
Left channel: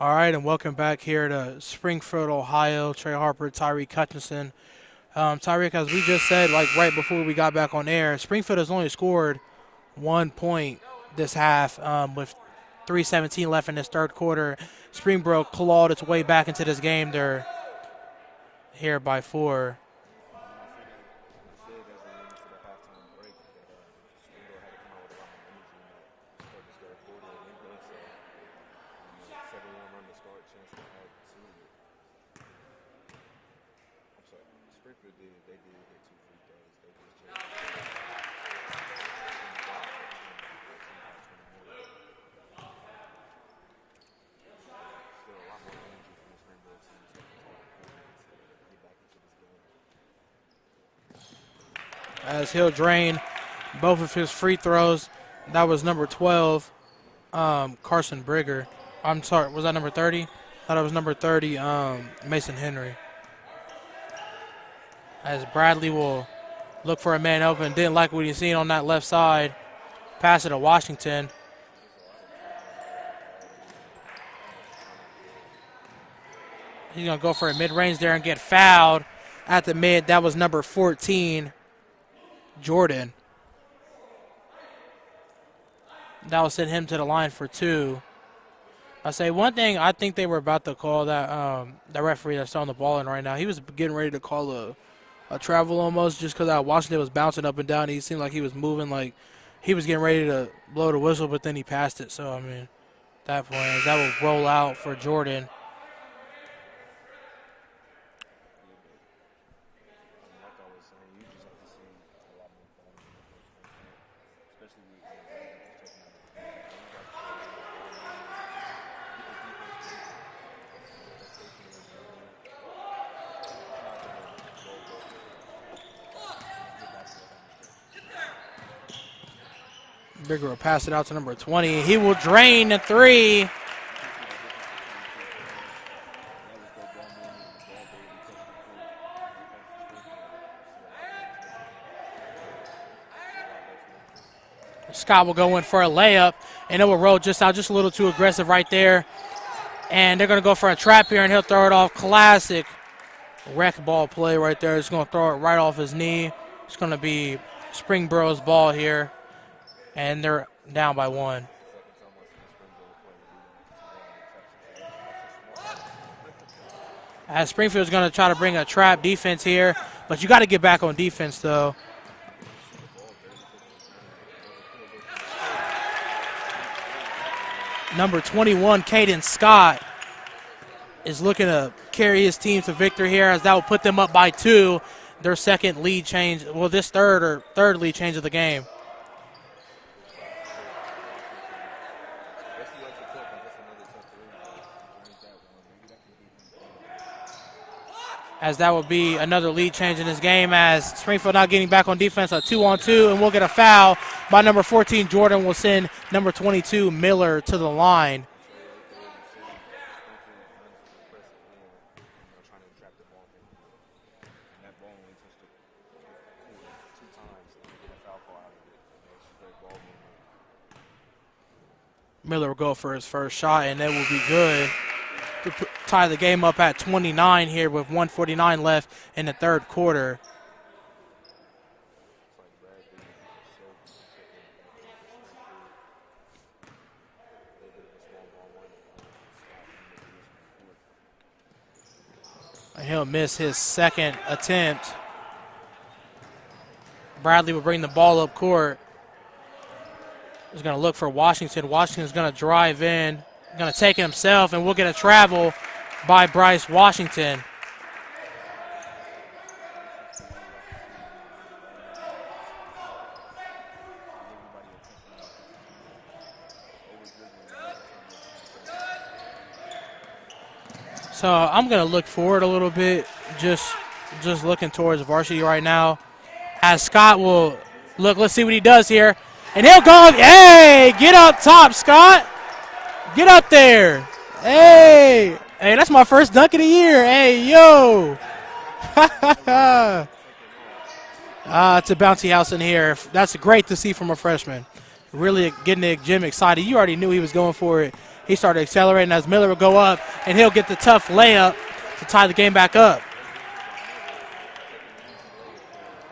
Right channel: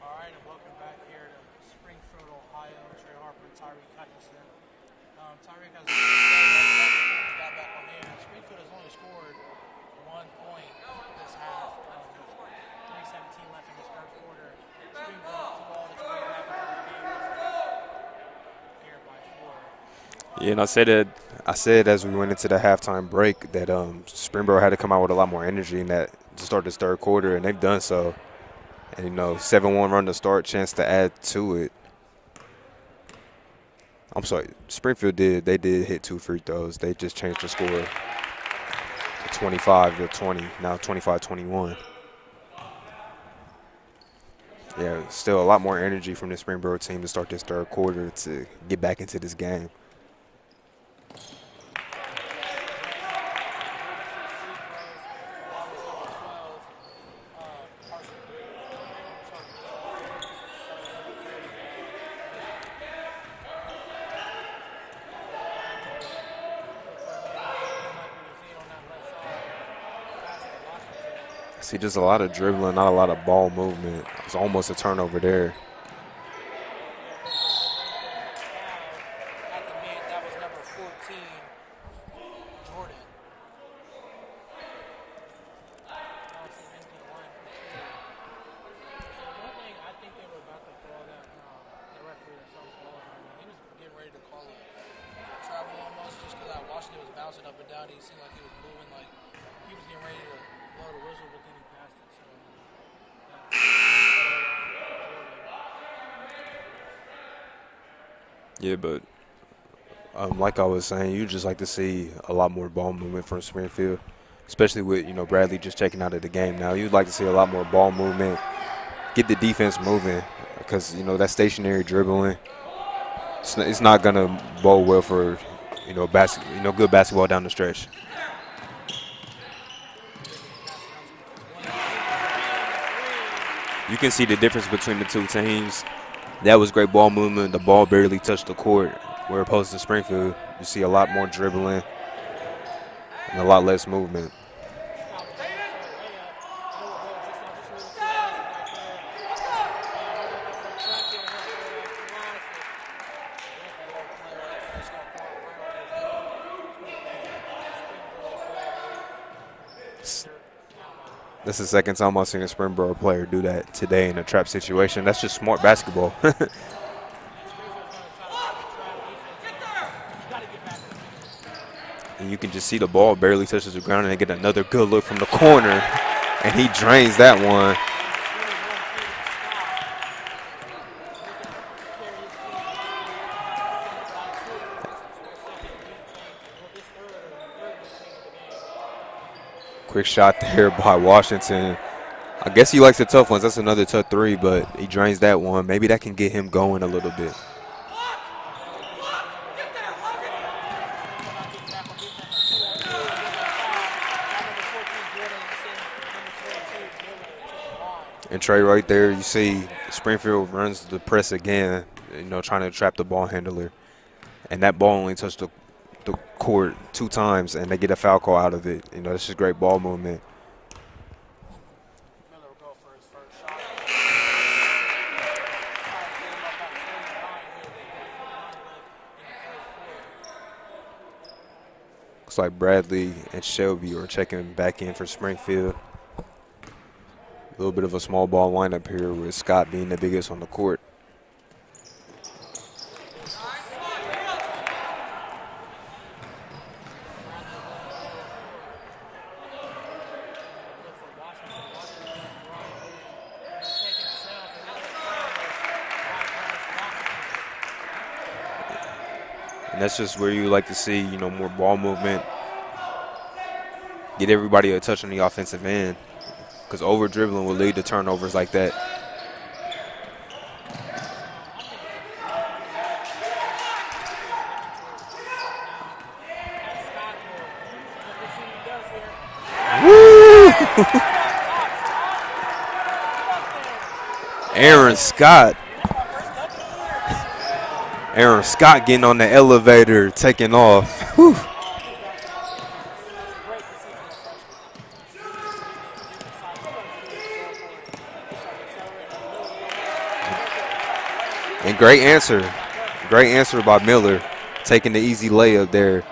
All right, and welcome back here to Springfield, Ohio. Trey Harper, Tyreek Hutchinson. Tyreek, as we just said, like right before we got back on air, Springfield has only scored 1 point this half with 3:17 left in this third quarter. Springboro clawed its way back into this game. They're here by 4. Yeah, and I said as we went into the halftime break that Springboro had to come out with a lot more energy in that to start this third quarter, and they've done so. And, 7-1 run to start, chance to add to it. I'm sorry, Springfield did hit 2 free throws. They just changed the score 25-20, now 25-21. Yeah, still a lot more energy from the Springboro team to start this third quarter to get back into this game. As he'll drain both of his free throws. That was number 12, Carson Brigger. I'm sorry, was that number 30? I thought it was number 30, Mason Henry. As Bradley will look for a man open. Didn't like what he's seen on that left side. Pass it to Washington. See, just a lot of dribbling, not a lot of ball movement. It's almost a turnover there. He's going to go for a mid-range there and get fouled at the mid. That was number 14, Jordan. That will send him to the line for 2. I say one thing, I think they were about to call that the referee that's throwing the ball in right now. He was getting ready to call a travel almost just because Washington was bouncing up and down. He seemed like he was moving like he was getting ready to blow the whistle, but then he passed it. So, I mean, that will roll out for Jordan. Yeah, but like I was saying, you just like to see a lot more ball movement from Springfield. especially with, Bradley just checking out of the game now. You'd like to see a lot more ball movement, get the defense moving, because, that stationary dribbling, it's not going to bode well for, good basketball down the stretch. Bigger will pass it out to number 20. He will drain the three. You can see the difference between the two teams. That was great ball movement. The ball barely touched the court. Where opposed to Springfield, you see a lot more dribbling and a lot less movement. Scott will go in for a layup, and it will roll just out, just a little too aggressive right there. And they're going to go for a trap here, and he'll throw it off. Classic wreck ball play right there. He's going to throw it right off his knee. It's going to be Springboro's ball here, and they're down by 1. That's the second time I've seen a Springboro player do that today in a trap situation. That's just smart basketball. As Springfield's going to try to bring a trap defense here, but you got to get back on defense, though. And you can just see the ball barely touches the ground, and they get another good look from the corner, and he drains that one. Number 21, Caden Scott, is looking to carry his team to victory here, as that will put them up by 2. Their second lead change, well, this third lead change of the game. Quick shot there by Washington. I guess he likes the tough ones. That's another tough three, but he drains that one. Maybe that can get him going a little bit. As that would be another lead change in this game, as Springfield not getting back on defense, a 2-on-2, and we'll get a foul by number 14. Jordan will send number 22, Miller, to the line. And Trey, right there, you see Springfield runs the press again, trying to trap the ball handler. And that ball only touched the court 2 times, and they get a foul call out of it. It's just great ball movement. Miller will go for his first shot, and it will be good to tie the game up at 29 here with 1:49 left in the third quarter. Looks like Bradley and Shelby are checking back in for Springfield. A little bit of a small ball lineup here with Scott being the biggest on the court. He'll miss his second attempt. Bradley will bring the ball up court. He's going to look for Washington. Washington's going to drive in. He's going to take it himself, and we'll get a travel by Bryce Washington. And that's just where you like to see, more ball movement. Get everybody a touch on the offensive end, because over-dribbling will lead to turnovers like that. So I'm going to look forward a little bit, just looking towards varsity right now. As Scott will look, let's see what he does here. And he'll go, hey, get up top, Scott. Get up there. Hey. Aaron Scott. Hey, that's my first dunk of the year. Hey, yo. Aaron Scott getting on the elevator, taking off. It's a bouncy house in here. That's great to see from a freshman. Really getting the gym excited. You already knew he was going for it. He started accelerating as Miller will go up, and he'll get the tough layup. And great answer. Tie the game back up. Great answer by Miller, taking the easy layup there.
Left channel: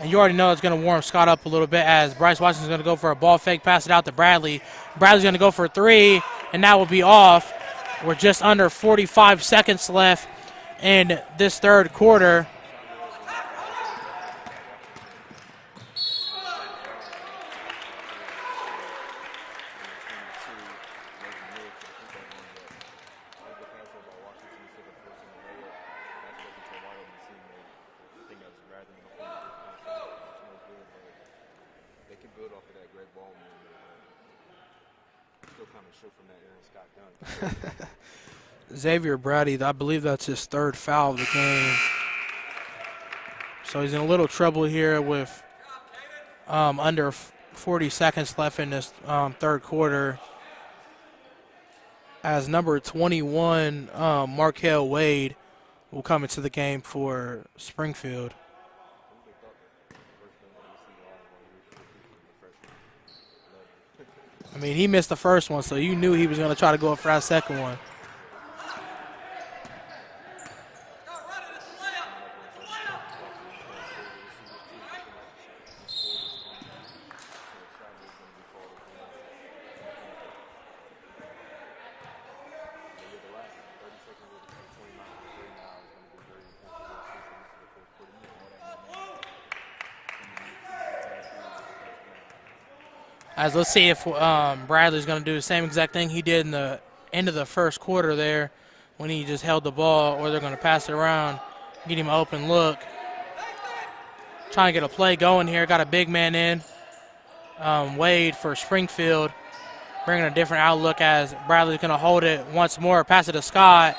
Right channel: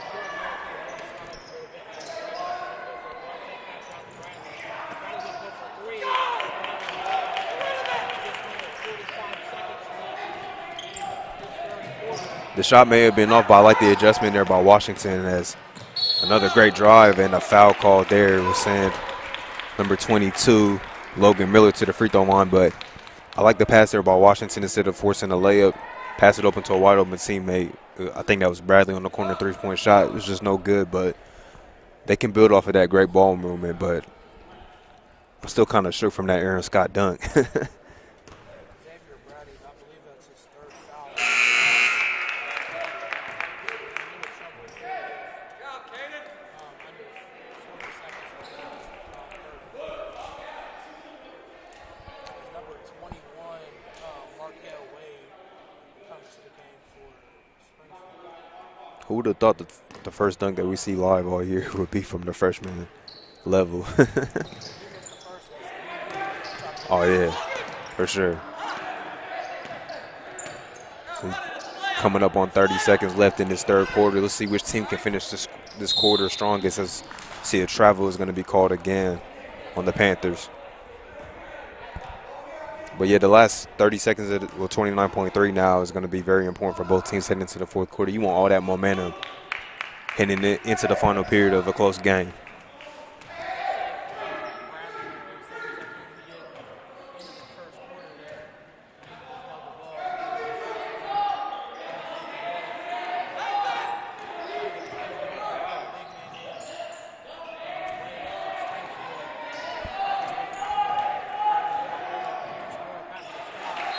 And you already know it's going to warm Scott up a little bit, as Bryce Washington's going to go for a ball fake, pass it out to Bradley. Bradley's going to go for a 3, and that will be off with just under 45 seconds left in this third quarter. The shot may have been off, but I like the adjustment there by Washington, as another great drive and a foul call there will send number 22, Logan Miller, to the free throw line. But I like the pass there by Washington. Instead of forcing a layup, pass it open to a wide open teammate. I think that was Bradley on the corner 3-point shot. It was just no good, but they can build off of that great ball movement. But I'm still kind of shook from that Aaron Scott dunk. Xavier Brady, I believe that's his third foul of the game. So he's in a little trouble here with under 40 seconds left in this third quarter. As number 21, Markel Wade, will come into the game for Springfield. Who would have thought that the first dunk that we see live all year would be from the freshman level? I mean, he missed the first one, so you knew he was going to try to go for that second one. For sure. So coming up on 30 seconds left in this third quarter. Let's see which team can finish this quarter strongest, as see a travel is going to be called again on the Panthers. But, yeah, the last 30 seconds, 29.3 now, is going to be very important for both teams heading into the fourth quarter. You want all that momentum heading into the final period of a close game. As let's see if Bradley's going to do the same exact thing he did in the end of the first quarter there when he just held the ball, or they're going to pass it around, get him an open look. Trying to get a play going here. Got a big man in. Wade for Springfield, bringing a different outlook as Bradley's going to hold it once more, pass it to Scott.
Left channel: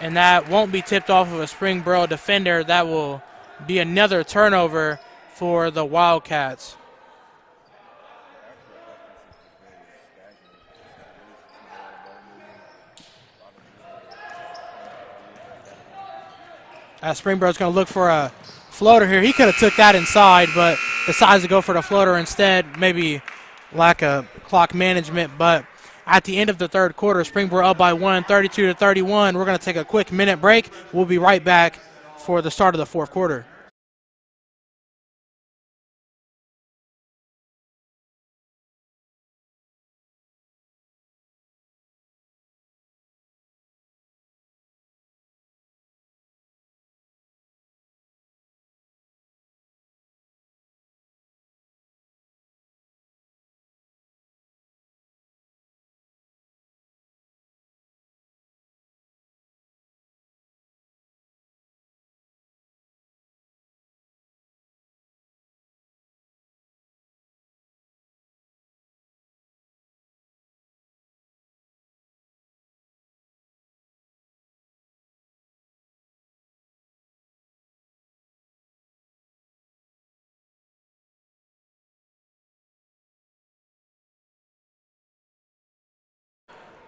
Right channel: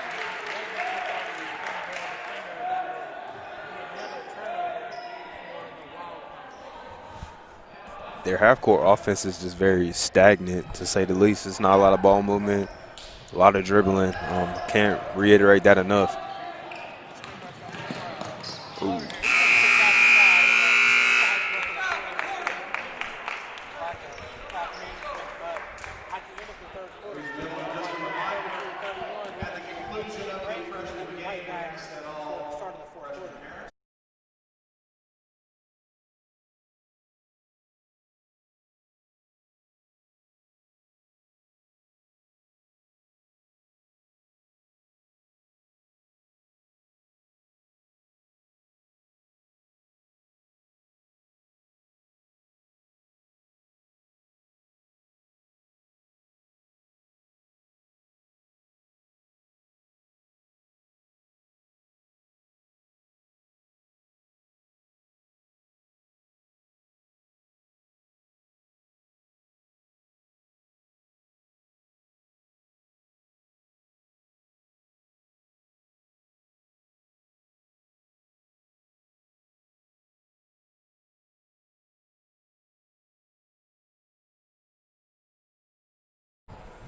And that won't be tipped off of a Springboro defender. That will be another turnover for the Wildcats. Their half-court offense is just very stagnant, to say the least. It's not a lot of ball movement, a lot of dribbling. Can't reiterate that enough. Springboro's going to look for a floater here. He could have took that inside, but decides to go for the floater instead. Maybe lack of clock management, but at the end of the third quarter, Springboro up by 1, 32-31. We're going to take a quick minute break. We'll be right back for the start of the fourth quarter.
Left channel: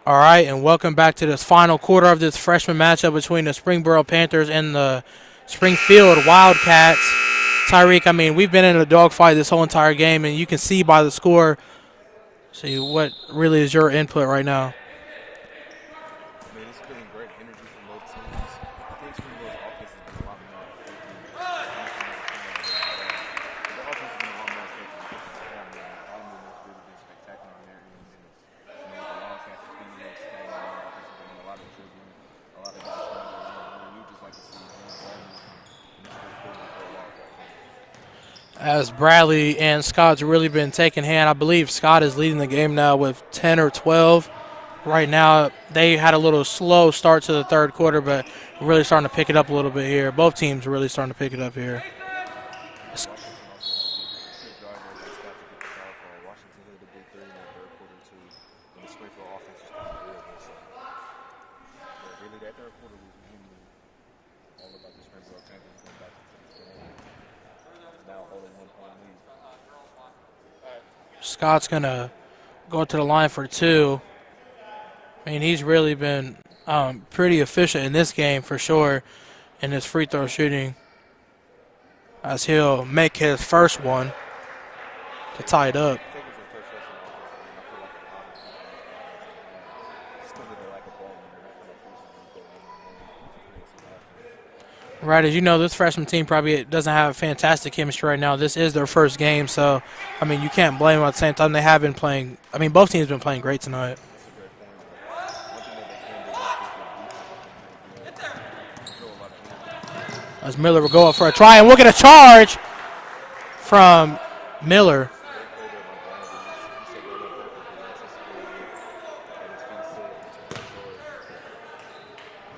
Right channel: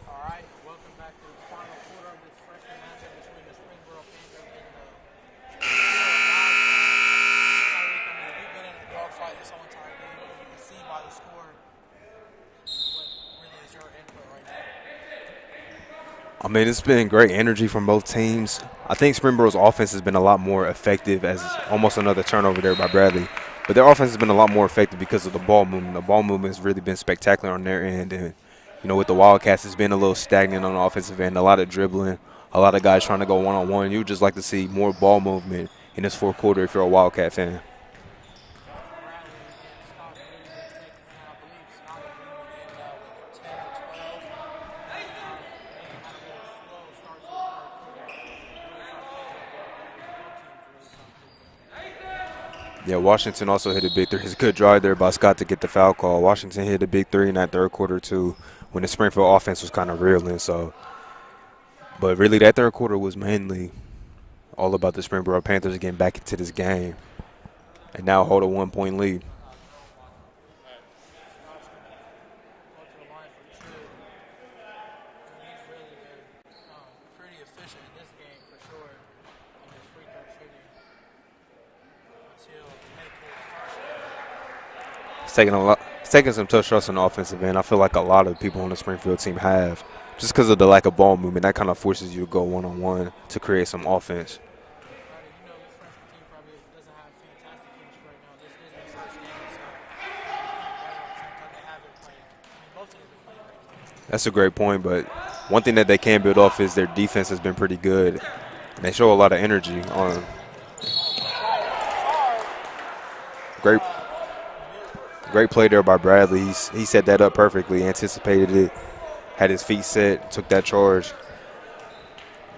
All right, and welcome back to this final quarter of this freshman matchup between the Springboro Panthers and the Springfield Wildcats. Tyreek, I mean, we've been in a dogfight this whole entire game, and you can see by the score. See, what really is your input right now? I mean, it's been great energy from both teams. I think Springboro's offense has been a lot more effective, as almost another turnover there by Bradley. But their offense has been a lot more effective because of the ball movement. The ball movement has really been spectacular on their end. And, you know, with the Wildcats, it's been a little stagnant on the offensive end, a lot of dribbling, a lot of guys trying to go one-on-one. You would just like to see more ball movement in this fourth quarter if you're a Wildcat fan. As Bradley and Scott's really been taking hand. I believe Scott is leading the game now with 10 or 12. Right now, they had a little slow start to the third quarter, but really starting to pick it up a little bit here. Both teams are really starting to pick it up here. Yeah, Washington also hit a big three. It's a good drive there by Scott to get the foul call. Washington hit a big three in that third quarter, too, when the Springfield offense was kind of reeling. So, but really, that third quarter was mainly all about the Springboro Panthers getting back into this game and now hold a 1-point lead. Scott's going to go to the line for two. I mean, he's really been pretty efficient in this game for sure in his free throw shooting, as he'll make his first one. It's taking some tough shots on the offensive end. I feel like a lot of people on the Springfield team have, just because of the lack of ball movement. That kind of forces you to go one-on-one to create some offense. Right, as you know, this freshman team probably doesn't have fantastic chemistry right now. This is their first game, so, I mean, you can't blame them at the same time. They have been playing – I mean, both teams have been playing great tonight. That's a great point, but one thing that they can build off is their defense has been pretty good. They show a lot of energy. As Miller will go up for a try, and we'll get a charge from Miller. Great play there by Bradley. He set that up perfectly, anticipated it, had his feet set, took that charge.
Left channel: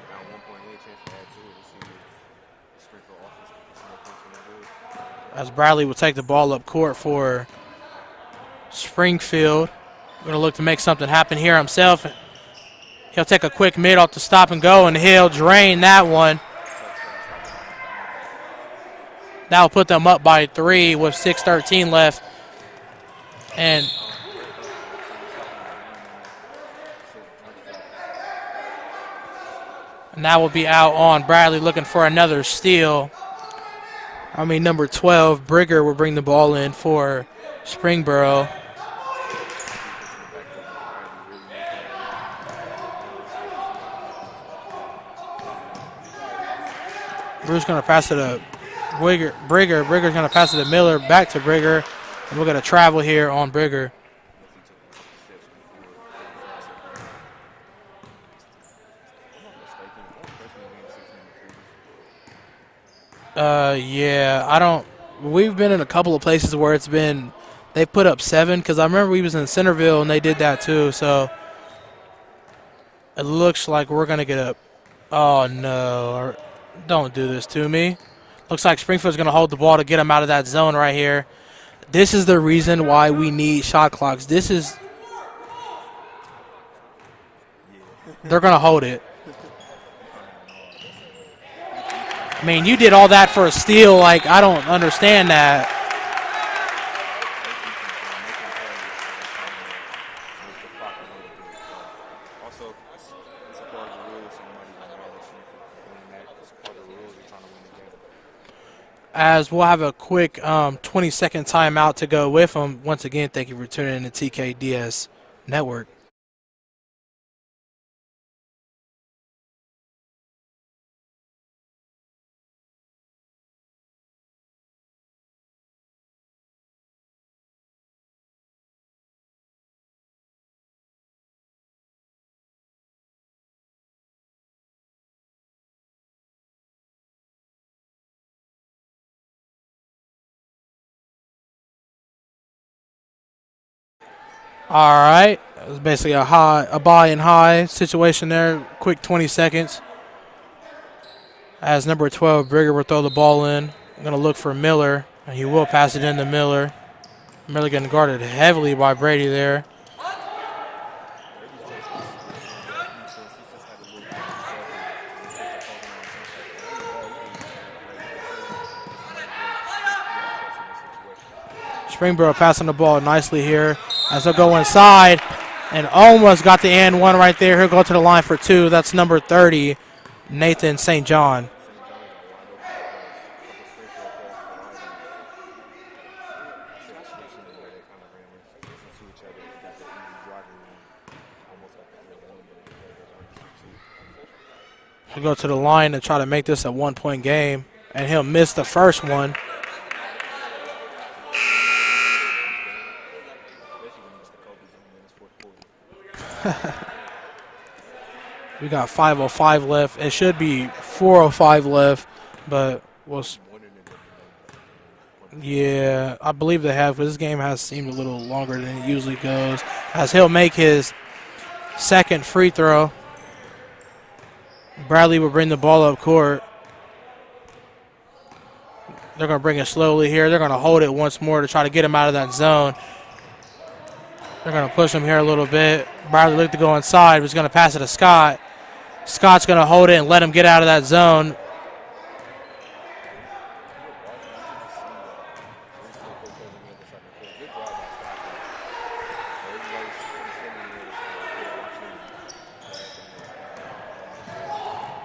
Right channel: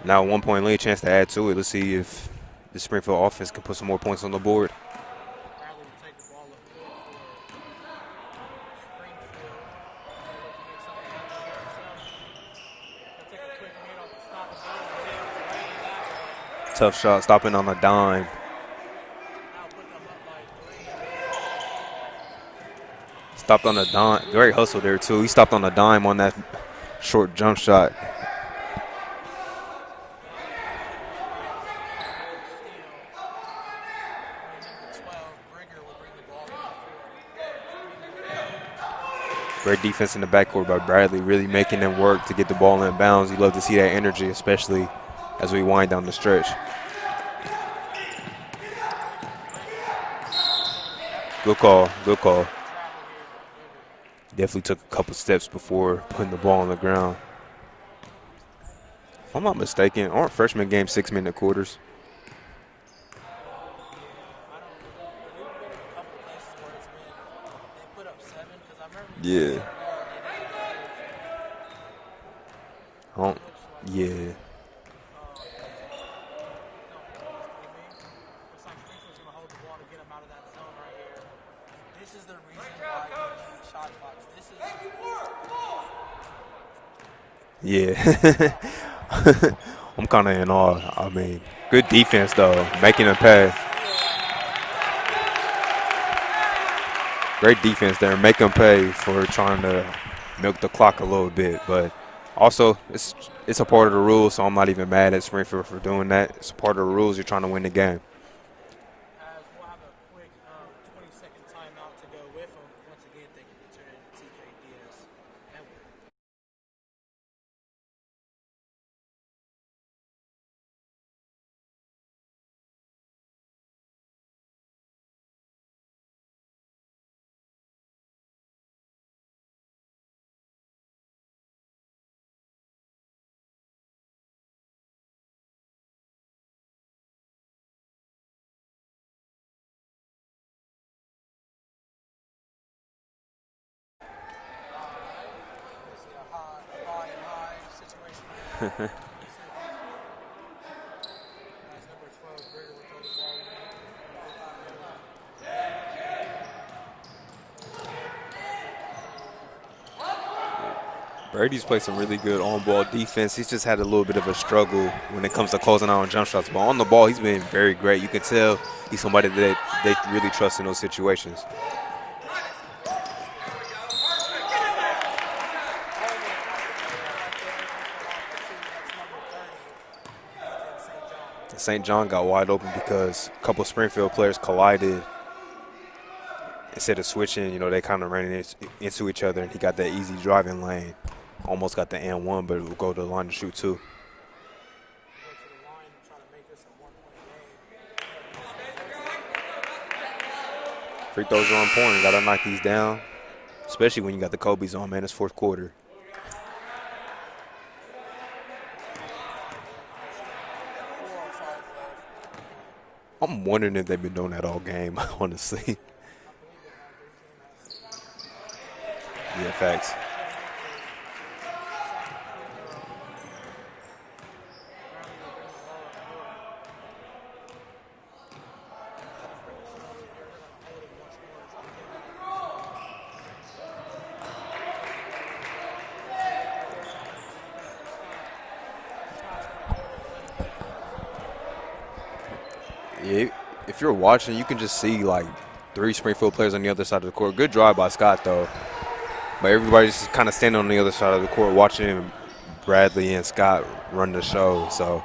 Now a 1-point lead, chance to add to it. Let's see if the Springfield offense can put some more points on the board. As Bradley will take the ball up court for Springfield. Going to look to make something happen here himself. He'll take a quick mid off the stop and go, and he'll drain that one. Tough shot, stopping on a dime. That will put them up by 3 with 6:13 left. Stopped on a dime. Great hustle there, too. He stopped on a dime on that short jump shot. And that will be out on Bradley looking for another steal. I mean, number 12, Brigger, will bring the ball in for Springboro. Great defense in the backcourt by Bradley, really making them work to get the ball in bounds. You love to see that energy, especially as we wind down the stretch. Brigger's going to pass it to Brigger. Brigger's going to pass it to Miller, back to Brigger. Good call. We're going to travel here on Brigger. Definitely took a couple steps before putting the ball on the ground. If I'm not mistaken, aren't freshman games 6-minute quarters? Yeah, I don't. We've been in a couple of places where it's been, they put up 7, because I remember we was in Centerville and they did that too. So it looks like we're going to get up. Oh, no. Don't do this to me. Looks like Springfield's going to hold the ball to get him out of that zone right here. This is the reason why we need shot clocks. This is Yeah. they're gonna hold it. I'm kind of in awe. I mean, good defense though. I mean, you did all that for a steal. Like, I don't understand that. Great defense there. Make them pay for trying to milk the clock a little bit, but also it's a part of the rules, so I'm not even mad at Springfield for doing that. It's a part of the rules. You're trying to win the game. As we'll have a quick 20-second timeout to go with them. Once again, thank you for tuning in to TKDS Network. All right. It was basically a buy and high situation there. Quick 20 seconds. As number 12, Brigger will throw the ball in. I'm going to look for Miller, and he will pass it into Miller. Miller getting guarded heavily by Brady there. Brady's played some really good on-ball defense. He's just had a little bit of a struggle when it comes to closing out on jump shots. But on the ball, he's been very great. You can tell he's somebody that they really trust in those situations. Springboro passing the ball nicely here as they'll go inside and almost got the and one right there. He'll go to the line for two. That's number 30, Nathan St. John. St. John got wide open because a couple of Springfield players collided. Instead of switching, they kind of ran into each other. He got that easy driving lane. Almost got the and one, but we'll go to the line to shoot two. He'll go to the line and try to make this a one-point game, and he'll miss the first one. Free throws are on point. You got to knock these down, especially when you got the Kobe's on, man. It's fourth quarter. We got 5:05 left. It should be 4:05 left, but I'm wondering if they've been doing that all game, honestly. Yeah, I believe they have, but this game has seemed a little longer than it usually goes. Thanks. As he'll make his second free throw. Bradley will bring the ball up court. They're going to bring it slowly here. They're going to hold it once more to try to get him out of that zone. They're going to push him here a little bit. Bradley looked to go inside. Was going to pass it to Scott. Scott's going to hold it and let him get out of that zone. Yeah, if you're watching, you can just see like 3 Springfield players on the other side of the court. Good drive by Scott, though. But everybody's kind of standing on the other side of the court watching Bradley and Scott run the show. So,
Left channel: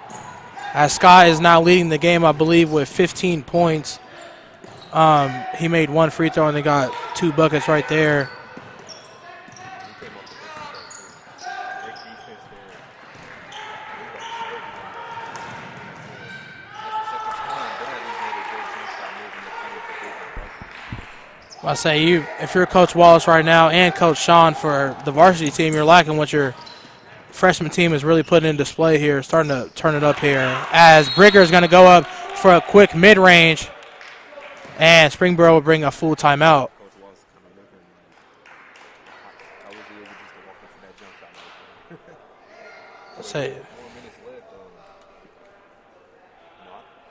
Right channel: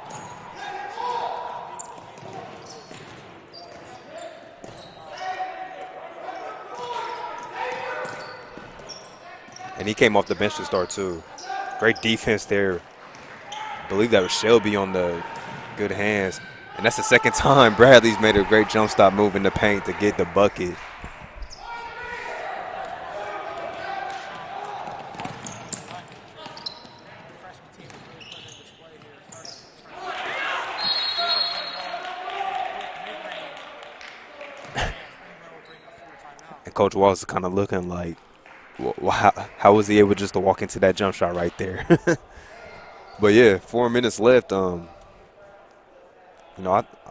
as Scott is now leading the game, I believe, with 15 points. He made 1 free throw and they got 2 buckets right there. And he came off the bench to start, too. Great defense there. I believe that was Shelby on the good hands. And that's the second time Bradley's made a great jump stop move in the paint to get the bucket. I say, if you're Coach Wallace right now and Coach Sean for the varsity team, you're liking what your freshman team is really putting in display here, starting to turn it up here. As Brigger is going to go up for a quick mid-range, and Springboro will bring a full timeout. And Coach Wallace is kind of looking like, how was he able just to walk into that jump shot right there? But, yeah, 4 minutes left. I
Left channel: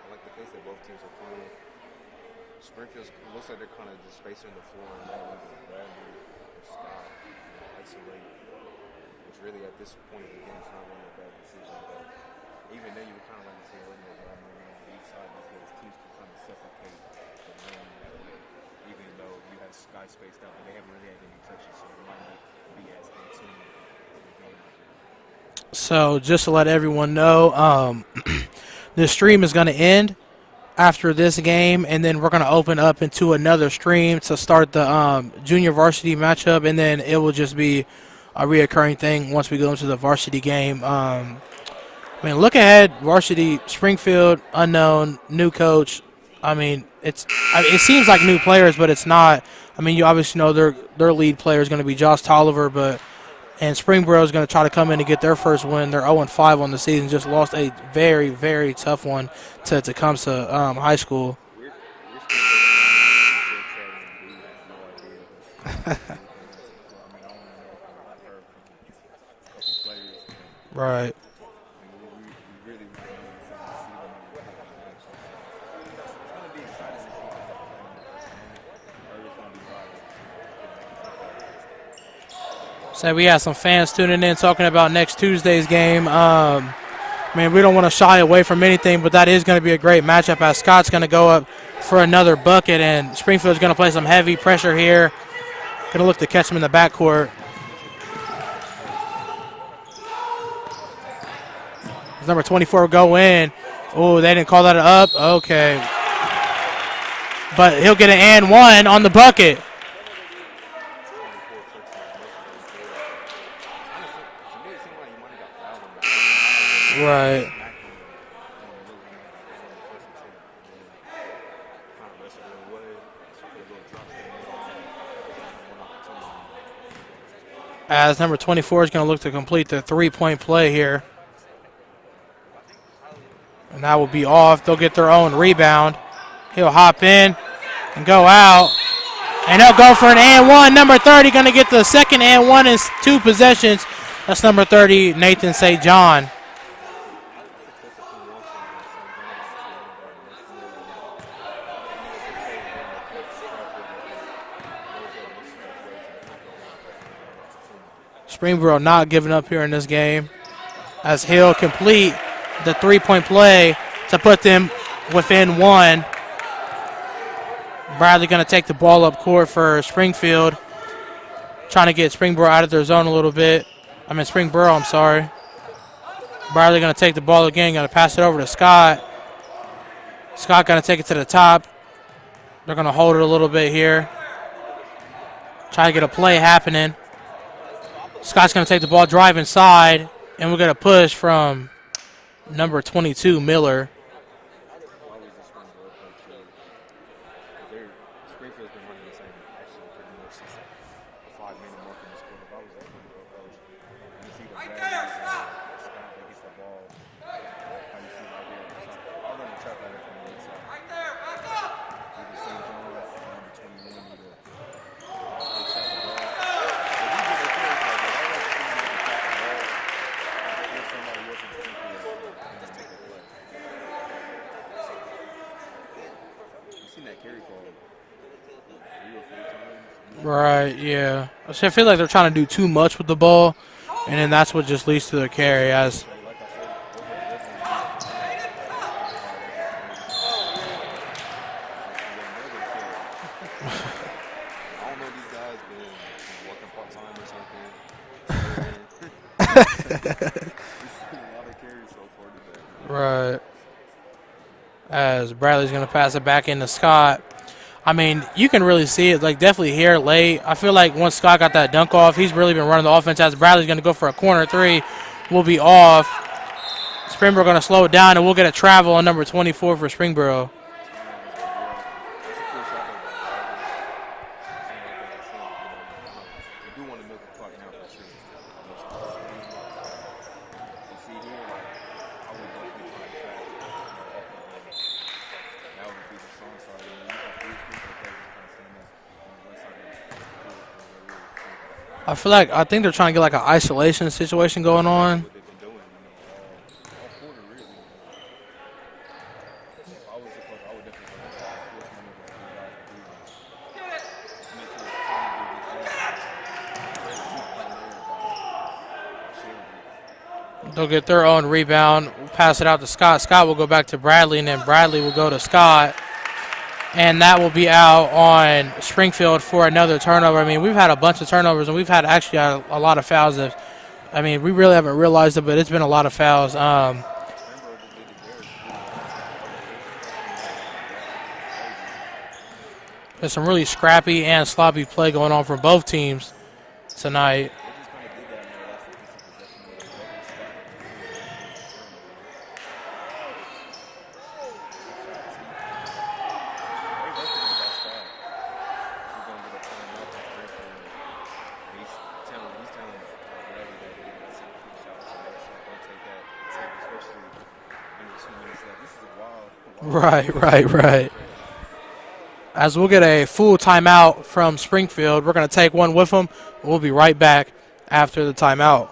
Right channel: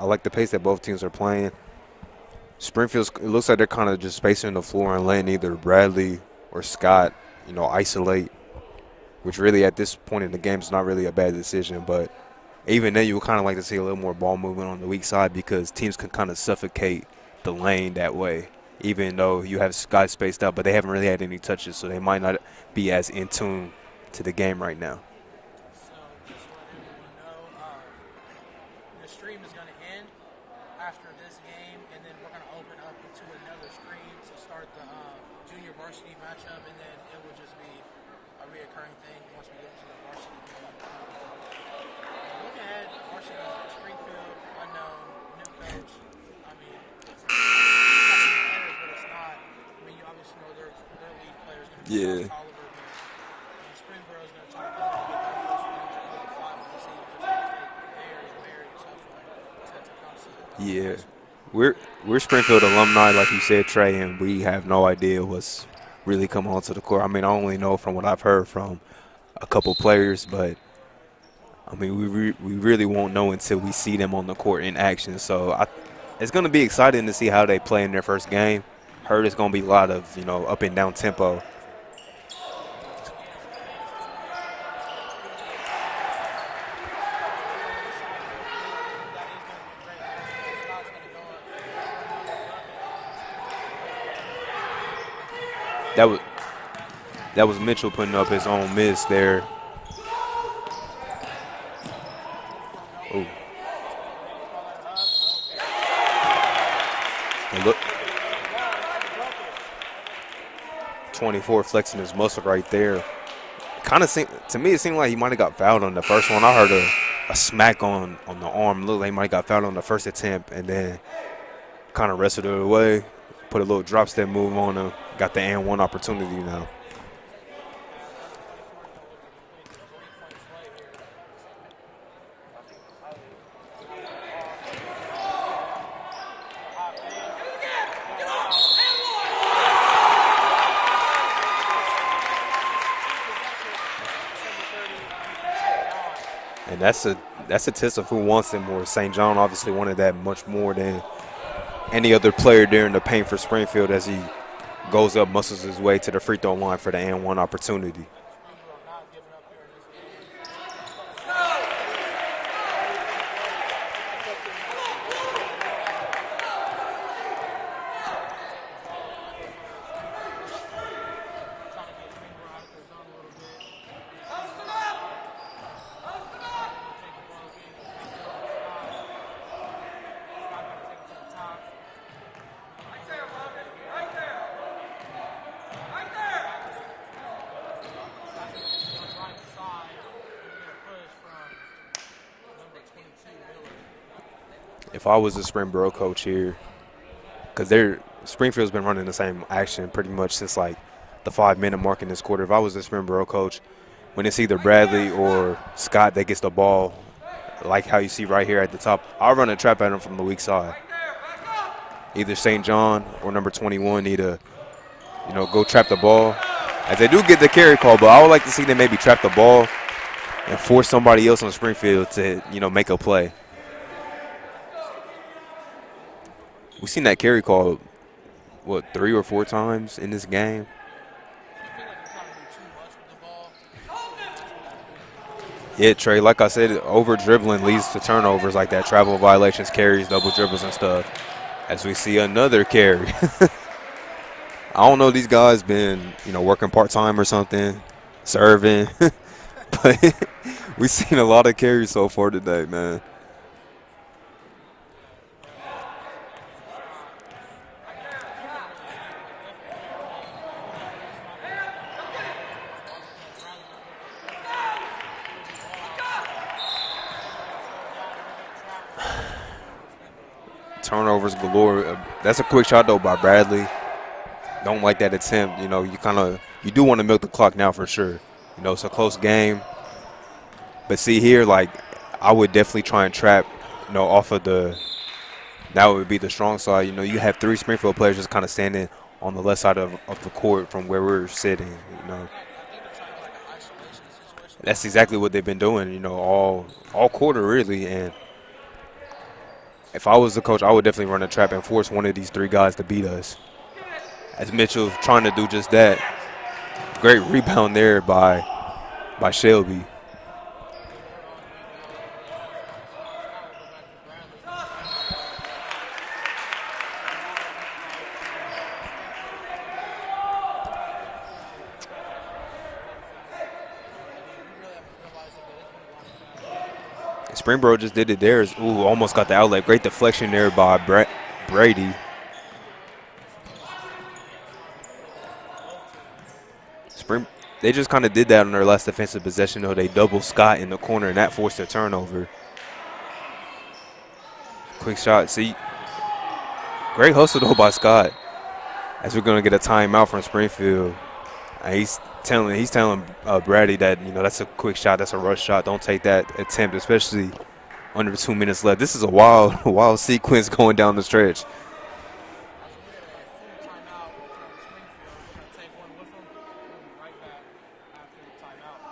like the pace that both teams are playing. Springfield, it looks like they're kind of just spacing the floor and letting either Bradley or Scott, isolate, which really at this point in the game is not really a bad decision. But even then, you would kind of like to see a little more ball movement on the weak side because teams can kind of suffocate the lane that way, even though you have Scott spaced out, but they haven't really had any touches, so they might not be as in tune to the game right now. So just to let everyone know, the stream is going to end after this game, and then we're going to open up into another stream to start the junior varsity matchup, and then it will just be a reoccurring thing once we go into the varsity game. Look ahead, varsity, Springfield, unknown, new coach. It seems like new players, but it's not. You obviously know their lead player is going to be Josh Tolliver, and Springboro is going to try to come in and get their first win. They're 0-5 on the season, just lost a very, very tough one to Tecumseh High School. We're Springfield alumni, like you said, Trey, and we have no idea what's really come onto the court. I only know from what I've heard from a couple players, but right. we really won't know until we see them on the court in action. So it's going to be exciting to see how they play in their first game. heard it's going to be a lot of, up and down tempo. So we have some fans tuning in talking about next Tuesday's game. We don't want to shy away from anything, but that is going to be a great matchup as Scott's going to go up for another bucket, and Springfield's going to play some heavy pressure here. Going to look to catch him in the backcourt. That was Mitchell putting up his own miss there. Number 24 will go in. Oh, they didn't call that up. Okay. But he'll get an and one on the bucket. 24 flexing his muscle right there. Kind of to me, it seemed like he might have got fouled on the first one. I heard a smack on the arm. Looked like he might have got fouled on the first attempt, and then kind of wrestled it away. Put a little drop step move on him. Got the and one opportunity now. As number 24 is going to look to complete the three-point play here. And that will be off. They'll get their own rebound. He'll hop in and go out. And they'll go for an and one. Number 30 going to get the second and one in 2 possessions. That's number 30, Nathan St. John. And that's a test of who wants it more. St. John obviously wanted that much more than any other player there in the paint for Springfield as he goes up, muscles his way to the free throw line for the and one opportunity. Springboro not giving up here in this game as he'll complete the three-point play to put them within one. Bradley going to take the ball up court for Springfield, trying to get Springboro out of their zone a little bit. Springboro, I'm sorry. Bradley going to take the ball again, going to pass it over to Scott. Scott going to take it to the top. They're going to hold it a little bit here. Try to get a play happening. Scott's going to take the ball, drive inside, and we're going to push from number 22, Miller. If I was a Springboro coach here, because Springfield's been running the same action pretty much since like the 5-minute mark in this quarter. If I was a Springboro coach, when it's either Bradley or Scott that gets the ball, like how you see right here at the top, I'll run a trap at him from the weak side. Either St. John or number 21 need to, go trap the ball. As they do get the carry call, but I would like to see them maybe trap the ball and force somebody else on Springfield to, make a play. We've seen that carry call, 3 or 4 times in this game? Right, yeah. I feel like they're trying to do too much with the ball, and then that's what just leads to the carry. Yeah, Trey, like I said, over-dribbling leads to turnovers like that, travel violations, carries, double dribbles and stuff. As we see another carry. I don't know, these guys been, working part-time or something, serving. But we've seen a lot of carries so far today, man. Right. As Bradley's going to pass it back into Scott. You can really see it, definitely here late. I feel like once Scott got that dunk off, he's really been running the offense. As Bradley's going to go for a corner three, will be off. Springboro going to slow it down, and we'll get a travel on number 24 for Springboro. Turnovers galore. That's a quick shot, though, by Bradley. Don't like that attempt. You do want to milk the clock now for sure. It's a close game. But see here, I would definitely try and trap, off of that would be the strong side. You have 3 Springfield players just kind of standing on the left side of the court from where we're sitting. I think they're trying to get an isolation situation going on. That's exactly what they've been doing, all quarter really. And if I was the coach, I would definitely run a trap and force one of these 3 guys to beat us. As Mitchell trying to do just that. Great rebound there by Shelby. They'll get their own rebound, pass it out to Scott. Scott will go back to Bradley, and then Bradley will go to Scott. And that will be out on Springfield for another turnover. We've had a bunch of turnovers, and we've had actually a lot of fouls. We really haven't realized it, but it's been a lot of fouls. Springboro just did it there. Almost got the outlet. Great deflection there by Brady. There's some really scrappy and sloppy play going on from both teams tonight. They just kind of did that on their last defensive possession, though. They doubled Scott in the corner, and that forced a turnover. Quick shot. See, great hustle, though, by Scott. As we're going to get a timeout from Springfield. And he's telling Brady that, that's a quick shot. That's a rush shot. Don't take that attempt, especially under 2 minutes left. This is a wild sequence going down the stretch. As we'll get a full timeout from Springfield. We're going to take one with them. We'll be right back after the timeout.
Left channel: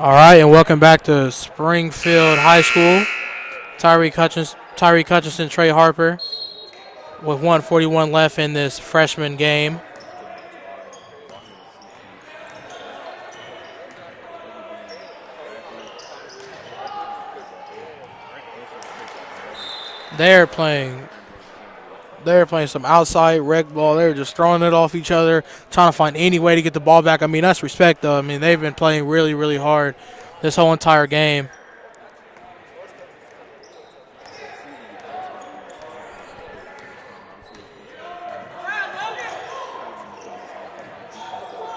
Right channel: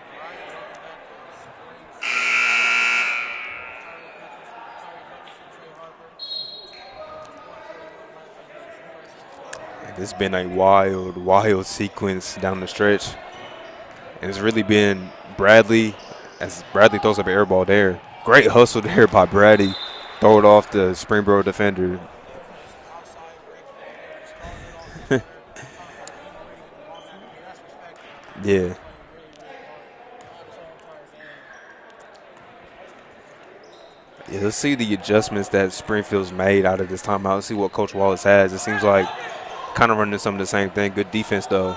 All right, and welcome back to Springfield High School. Tyreek Hutchinson, Trey Harper with 1:41 left in this freshman game. It's been a wild sequence down the stretch. And it's really been Bradley, as Bradley throws up an air ball there. Great hustle there by Bradley. Throw it off the Springboro defender. They're playing some outside rec ball. They were just throwing it off each other, trying to find any way to get the ball back. I mean, that's respect, though. I mean, they've been playing really, really hard this whole entire game. Yeah, let's see the adjustments that Springfield's made out of this timeout. Let's see what Coach Wallace has. It seems like kind of running some of the same thing. Good defense, though.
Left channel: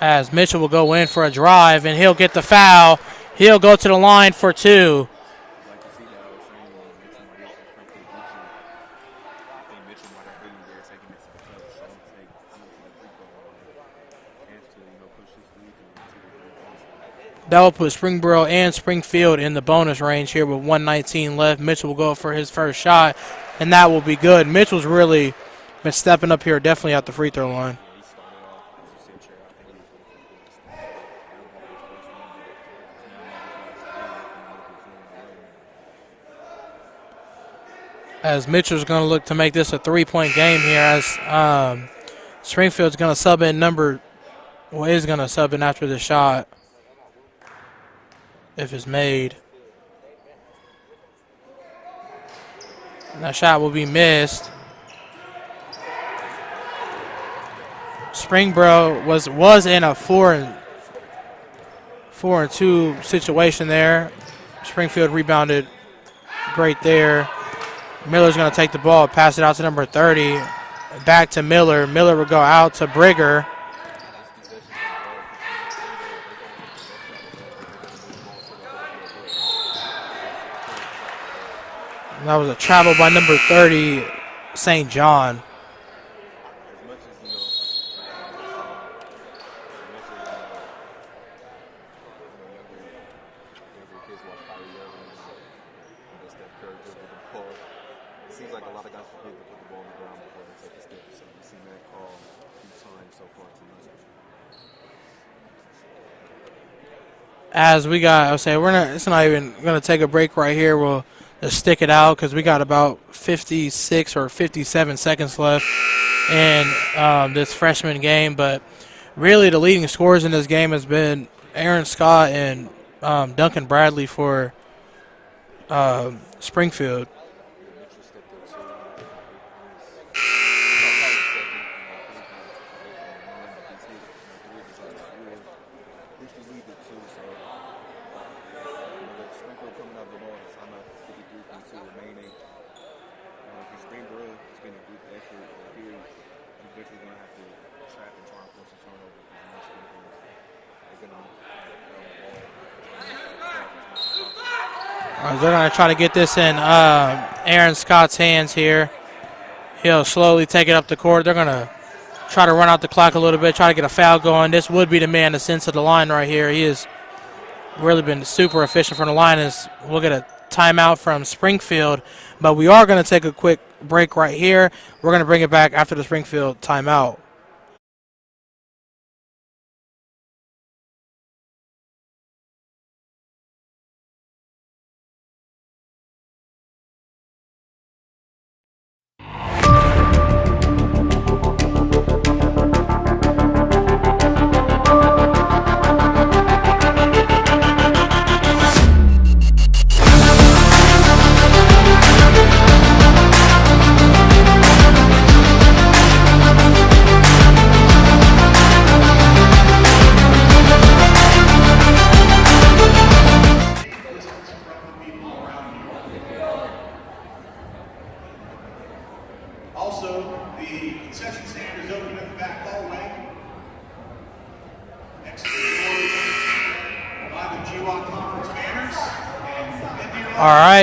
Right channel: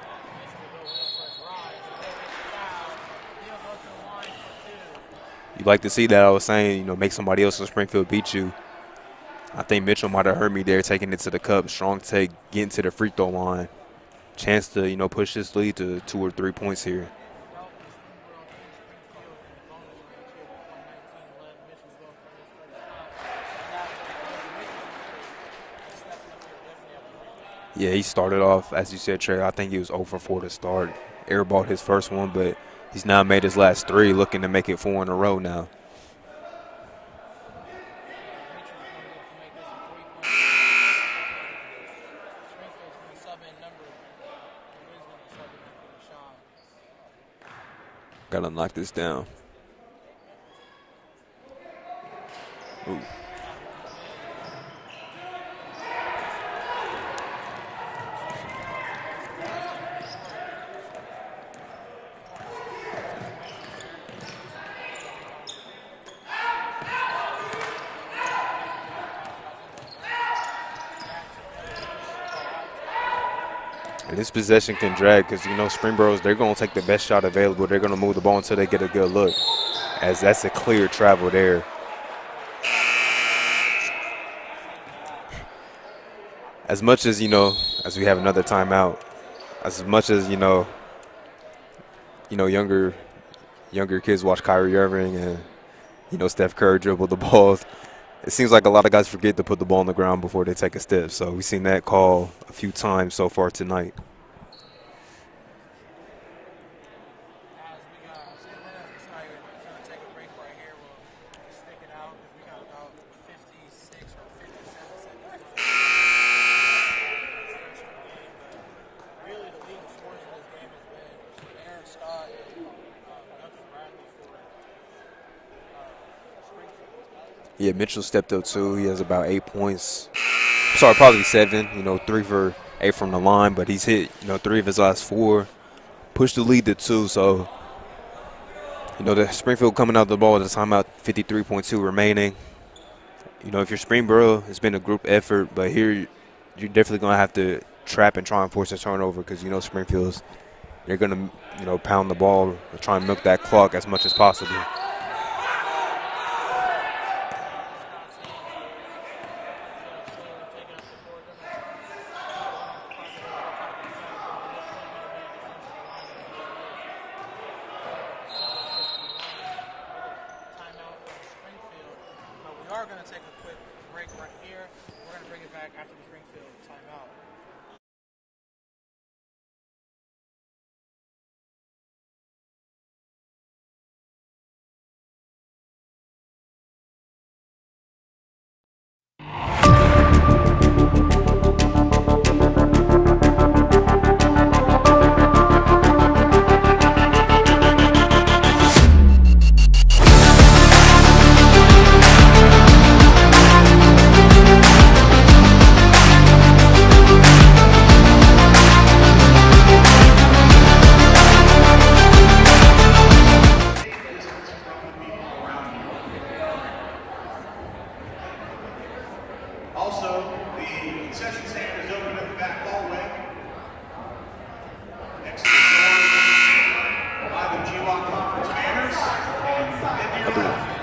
As Mitchell will go in for a drive, and he'll get the foul. He'll go to the line for 2. You like to see that. I was saying, make somebody else in Springfield beat you. I think Mitchell might have hurt me there, taking it to the cup. Strong take, getting to the free throw line. Chance to, push this lead to 2 or 3 points here. That will put Springboro and Springfield in the bonus range here with 1:19 left. Mitchell will go for his first shot, and that will be good. Mitchell's really been stepping up here definitely at the free throw line. Yeah, he started off, as you said, Trey, I think he was 0 for 4 to start. Airballed his first one, but he's now made his last 3, looking to make it 4 in a row now. As Mitchell's going to look to make this a 3-point game here, as Springfield's going to sub in is going to sub in after the shot. If it's made. That shot will be missed. Springboro was in a 4-2 situation there. Springfield rebounded great there. Miller's going to take the ball, pass it out to number 30. Back to Miller. Miller will go out to Brigger. And this possession can drag because, Springboro's, they're going to take the best shot available. They're going to move the ball until they get a good look, as that's a clear travel there. That was a travel by number 30, St. John. As much as, as we have another timeout, as much as, younger kids watch Kyrie Irving and, Steph Curry dribble the ball, it seems like a lot of guys forget to put the ball on the ground before they take a step. So we've seen that call a few times so far tonight. As we got, it's not even going to take a break right here. We'll just stick it out because we got about 56 or 57 seconds left in this freshman game. But really the leading scorers in this game has been Aaron Scott and Duncan Bradley for Springfield. Yeah, Mitchell stepped up too. He has about 8 points. Sorry, probably 7. 3 for 8 from the line, but he's hit 3 of his last 4. Pushed the lead to 2. So, the Springfield coming out the ball at the timeout, 53.2 remaining. If you're Springboro, it's been a group effort, but here you're definitely going to have to trap and try and force a turnover because Springfield's, they're going to pound the ball and try and milk that clock as much as possible. They're going to try to get this in Aaron Scott's hands here. He'll slowly take it up the court. They're going to try to run out the clock a little bit, try to get a foul going. This would be the man to send to the line right here. He has really been super efficient from the line. We'll get a timeout from Springfield, but we are going to take a quick break right here. We're going to bring it back after the Springfield timeout.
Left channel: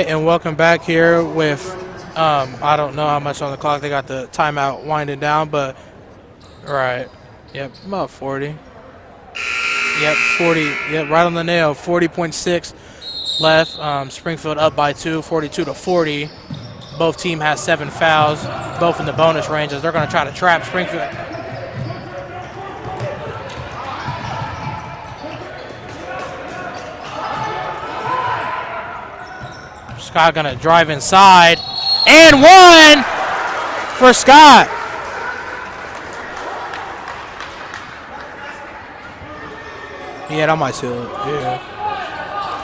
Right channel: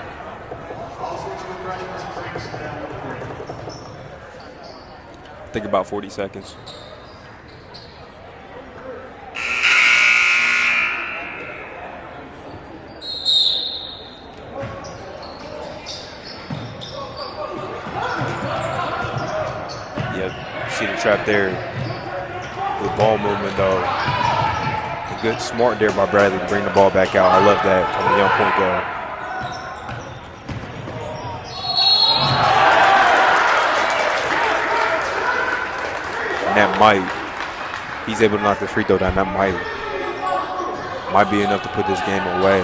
And welcome back here with, I don't know how much on the clock. They got the timeout winding down, but about 40 seconds. Right. Yep, about 40. Yep, 40. Yep, right on the nail. 40.6 left. Springfield up by 2, 42-40. Both team has 7 fouls, both in the bonus ranges. They're going to try to trap Springfield. Trap there. Good ball movement, though. Good, smart there by Bradley. Bring the ball back out. I love that. Scott gonna drive inside, and one for Scott. And that might, he's able to knock the free throw down. That might. Yeah, that might too. Might be enough to put this game away.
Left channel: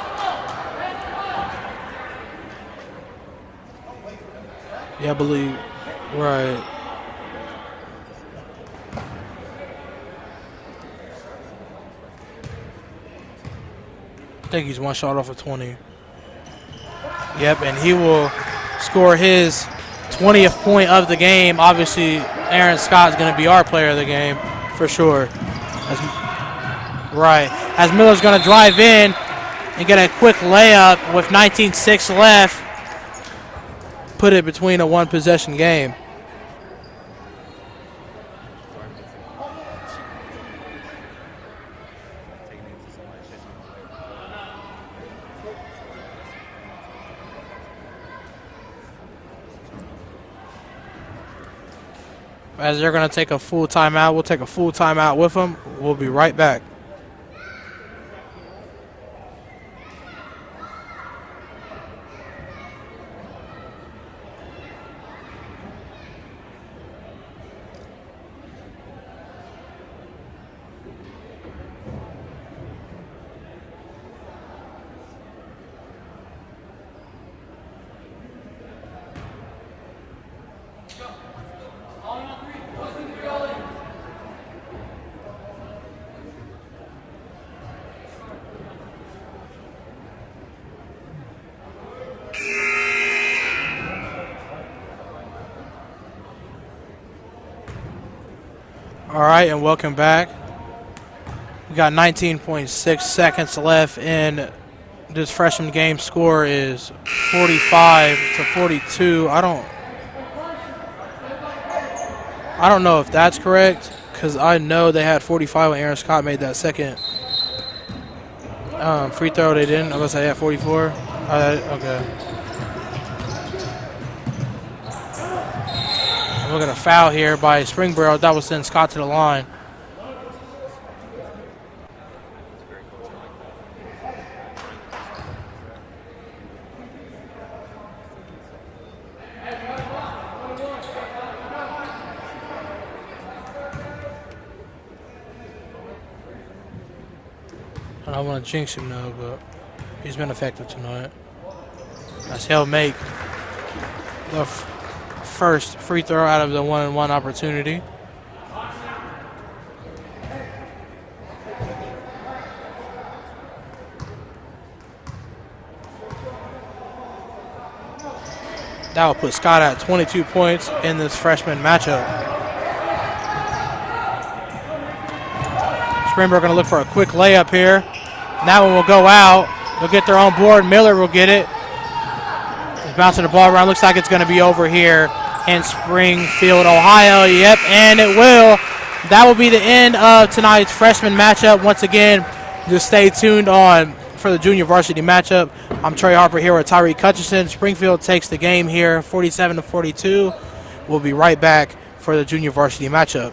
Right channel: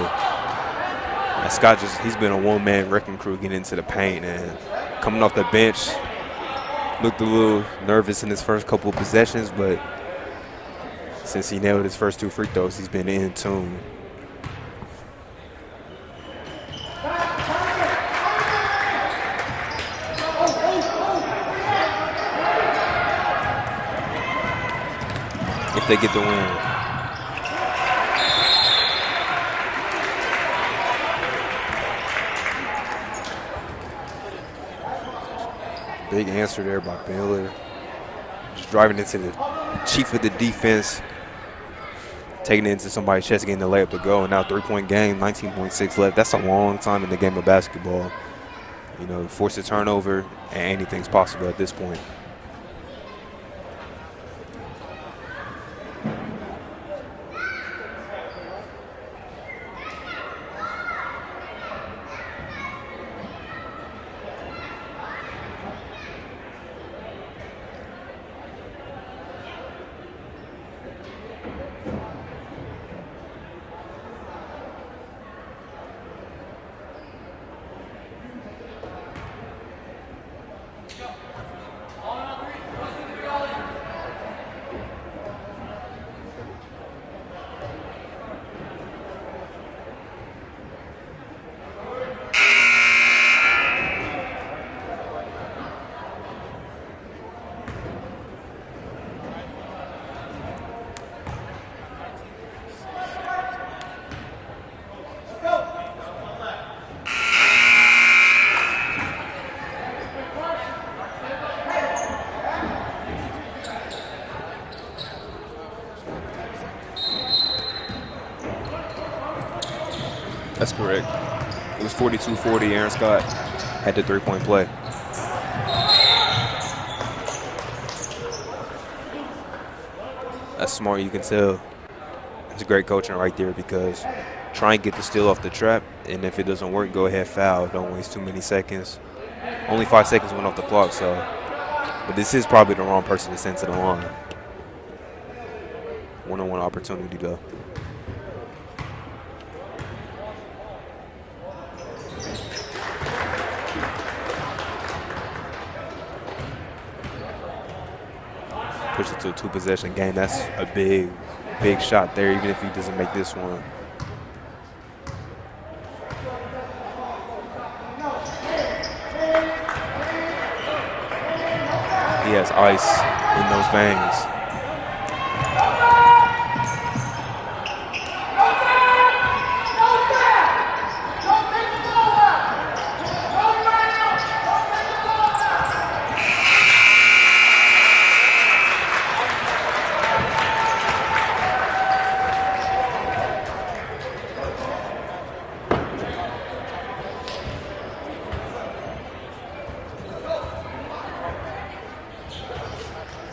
And Scott he's been a one-man wrecking crew getting into the paint and coming off the bench. Right. Looked a little nervous in his first couple of possessions, but since he nailed his first 2 free throws, he's been in tune. I think he's one shot off of 20. Yep, and he will score his 20th point of the game. Obviously, Aaron Scott's going to be our player of the game for sure. If they get the win. Right. As Miller's going to drive in and get a quick layup with 19:6 left. Put it between a one-possession game. Big answer there by Miller. Just driving into the chief of the defense. Taking it into somebody's chest, getting the layup to go. And now 3-point game, 19.6 left. That's a long time in the game of basketball. You know, you force a turnover, and anything's possible at this point. As they're going to take a full timeout, we'll take a full timeout with them. We'll be right back. All right, and welcome back. We got 19.6 seconds left, and this freshman game score is 45-42. I don't know if that's correct, because I know they had 45 when Aaron Scott made that second free throw. They didn't. Unless they had 44. That's correct. Okay. It was 42-40. Aaron Scott had the 3-point play. We're going to foul here by Springboro. That will send Scott to the line. That's smart. You can tell. It's great coaching right there because try and get the steal off the trap, and if it doesn't work, go ahead, foul. Don't waste too many seconds. Only 5 seconds went off the clock, so. But this is probably the wrong person to send to the line. One-on-one opportunity, though. I don't want to jinx him, though, but he's been effective tonight. As he'll make the first free throw out of the one-on-one opportunity. Push it to a 2-possession game. That's a big shot there, even if he doesn't make this one. That will put Scott at 22 points in this freshman matchup. He has ice in those veins. Springboro going to look for a quick layup here. That one will go out. They'll get their own board. Miller will get it. Bouncing the ball around. Looks like it's going to be over here in Springfield, Ohio. Yep, and it will. That will be the end of tonight's freshman matchup. Once again, just stay tuned on for the junior varsity matchup. I'm Trey Harper here with Tyree Cutcherson. Springfield takes the game here 47-42. We'll be right back for the junior varsity matchup.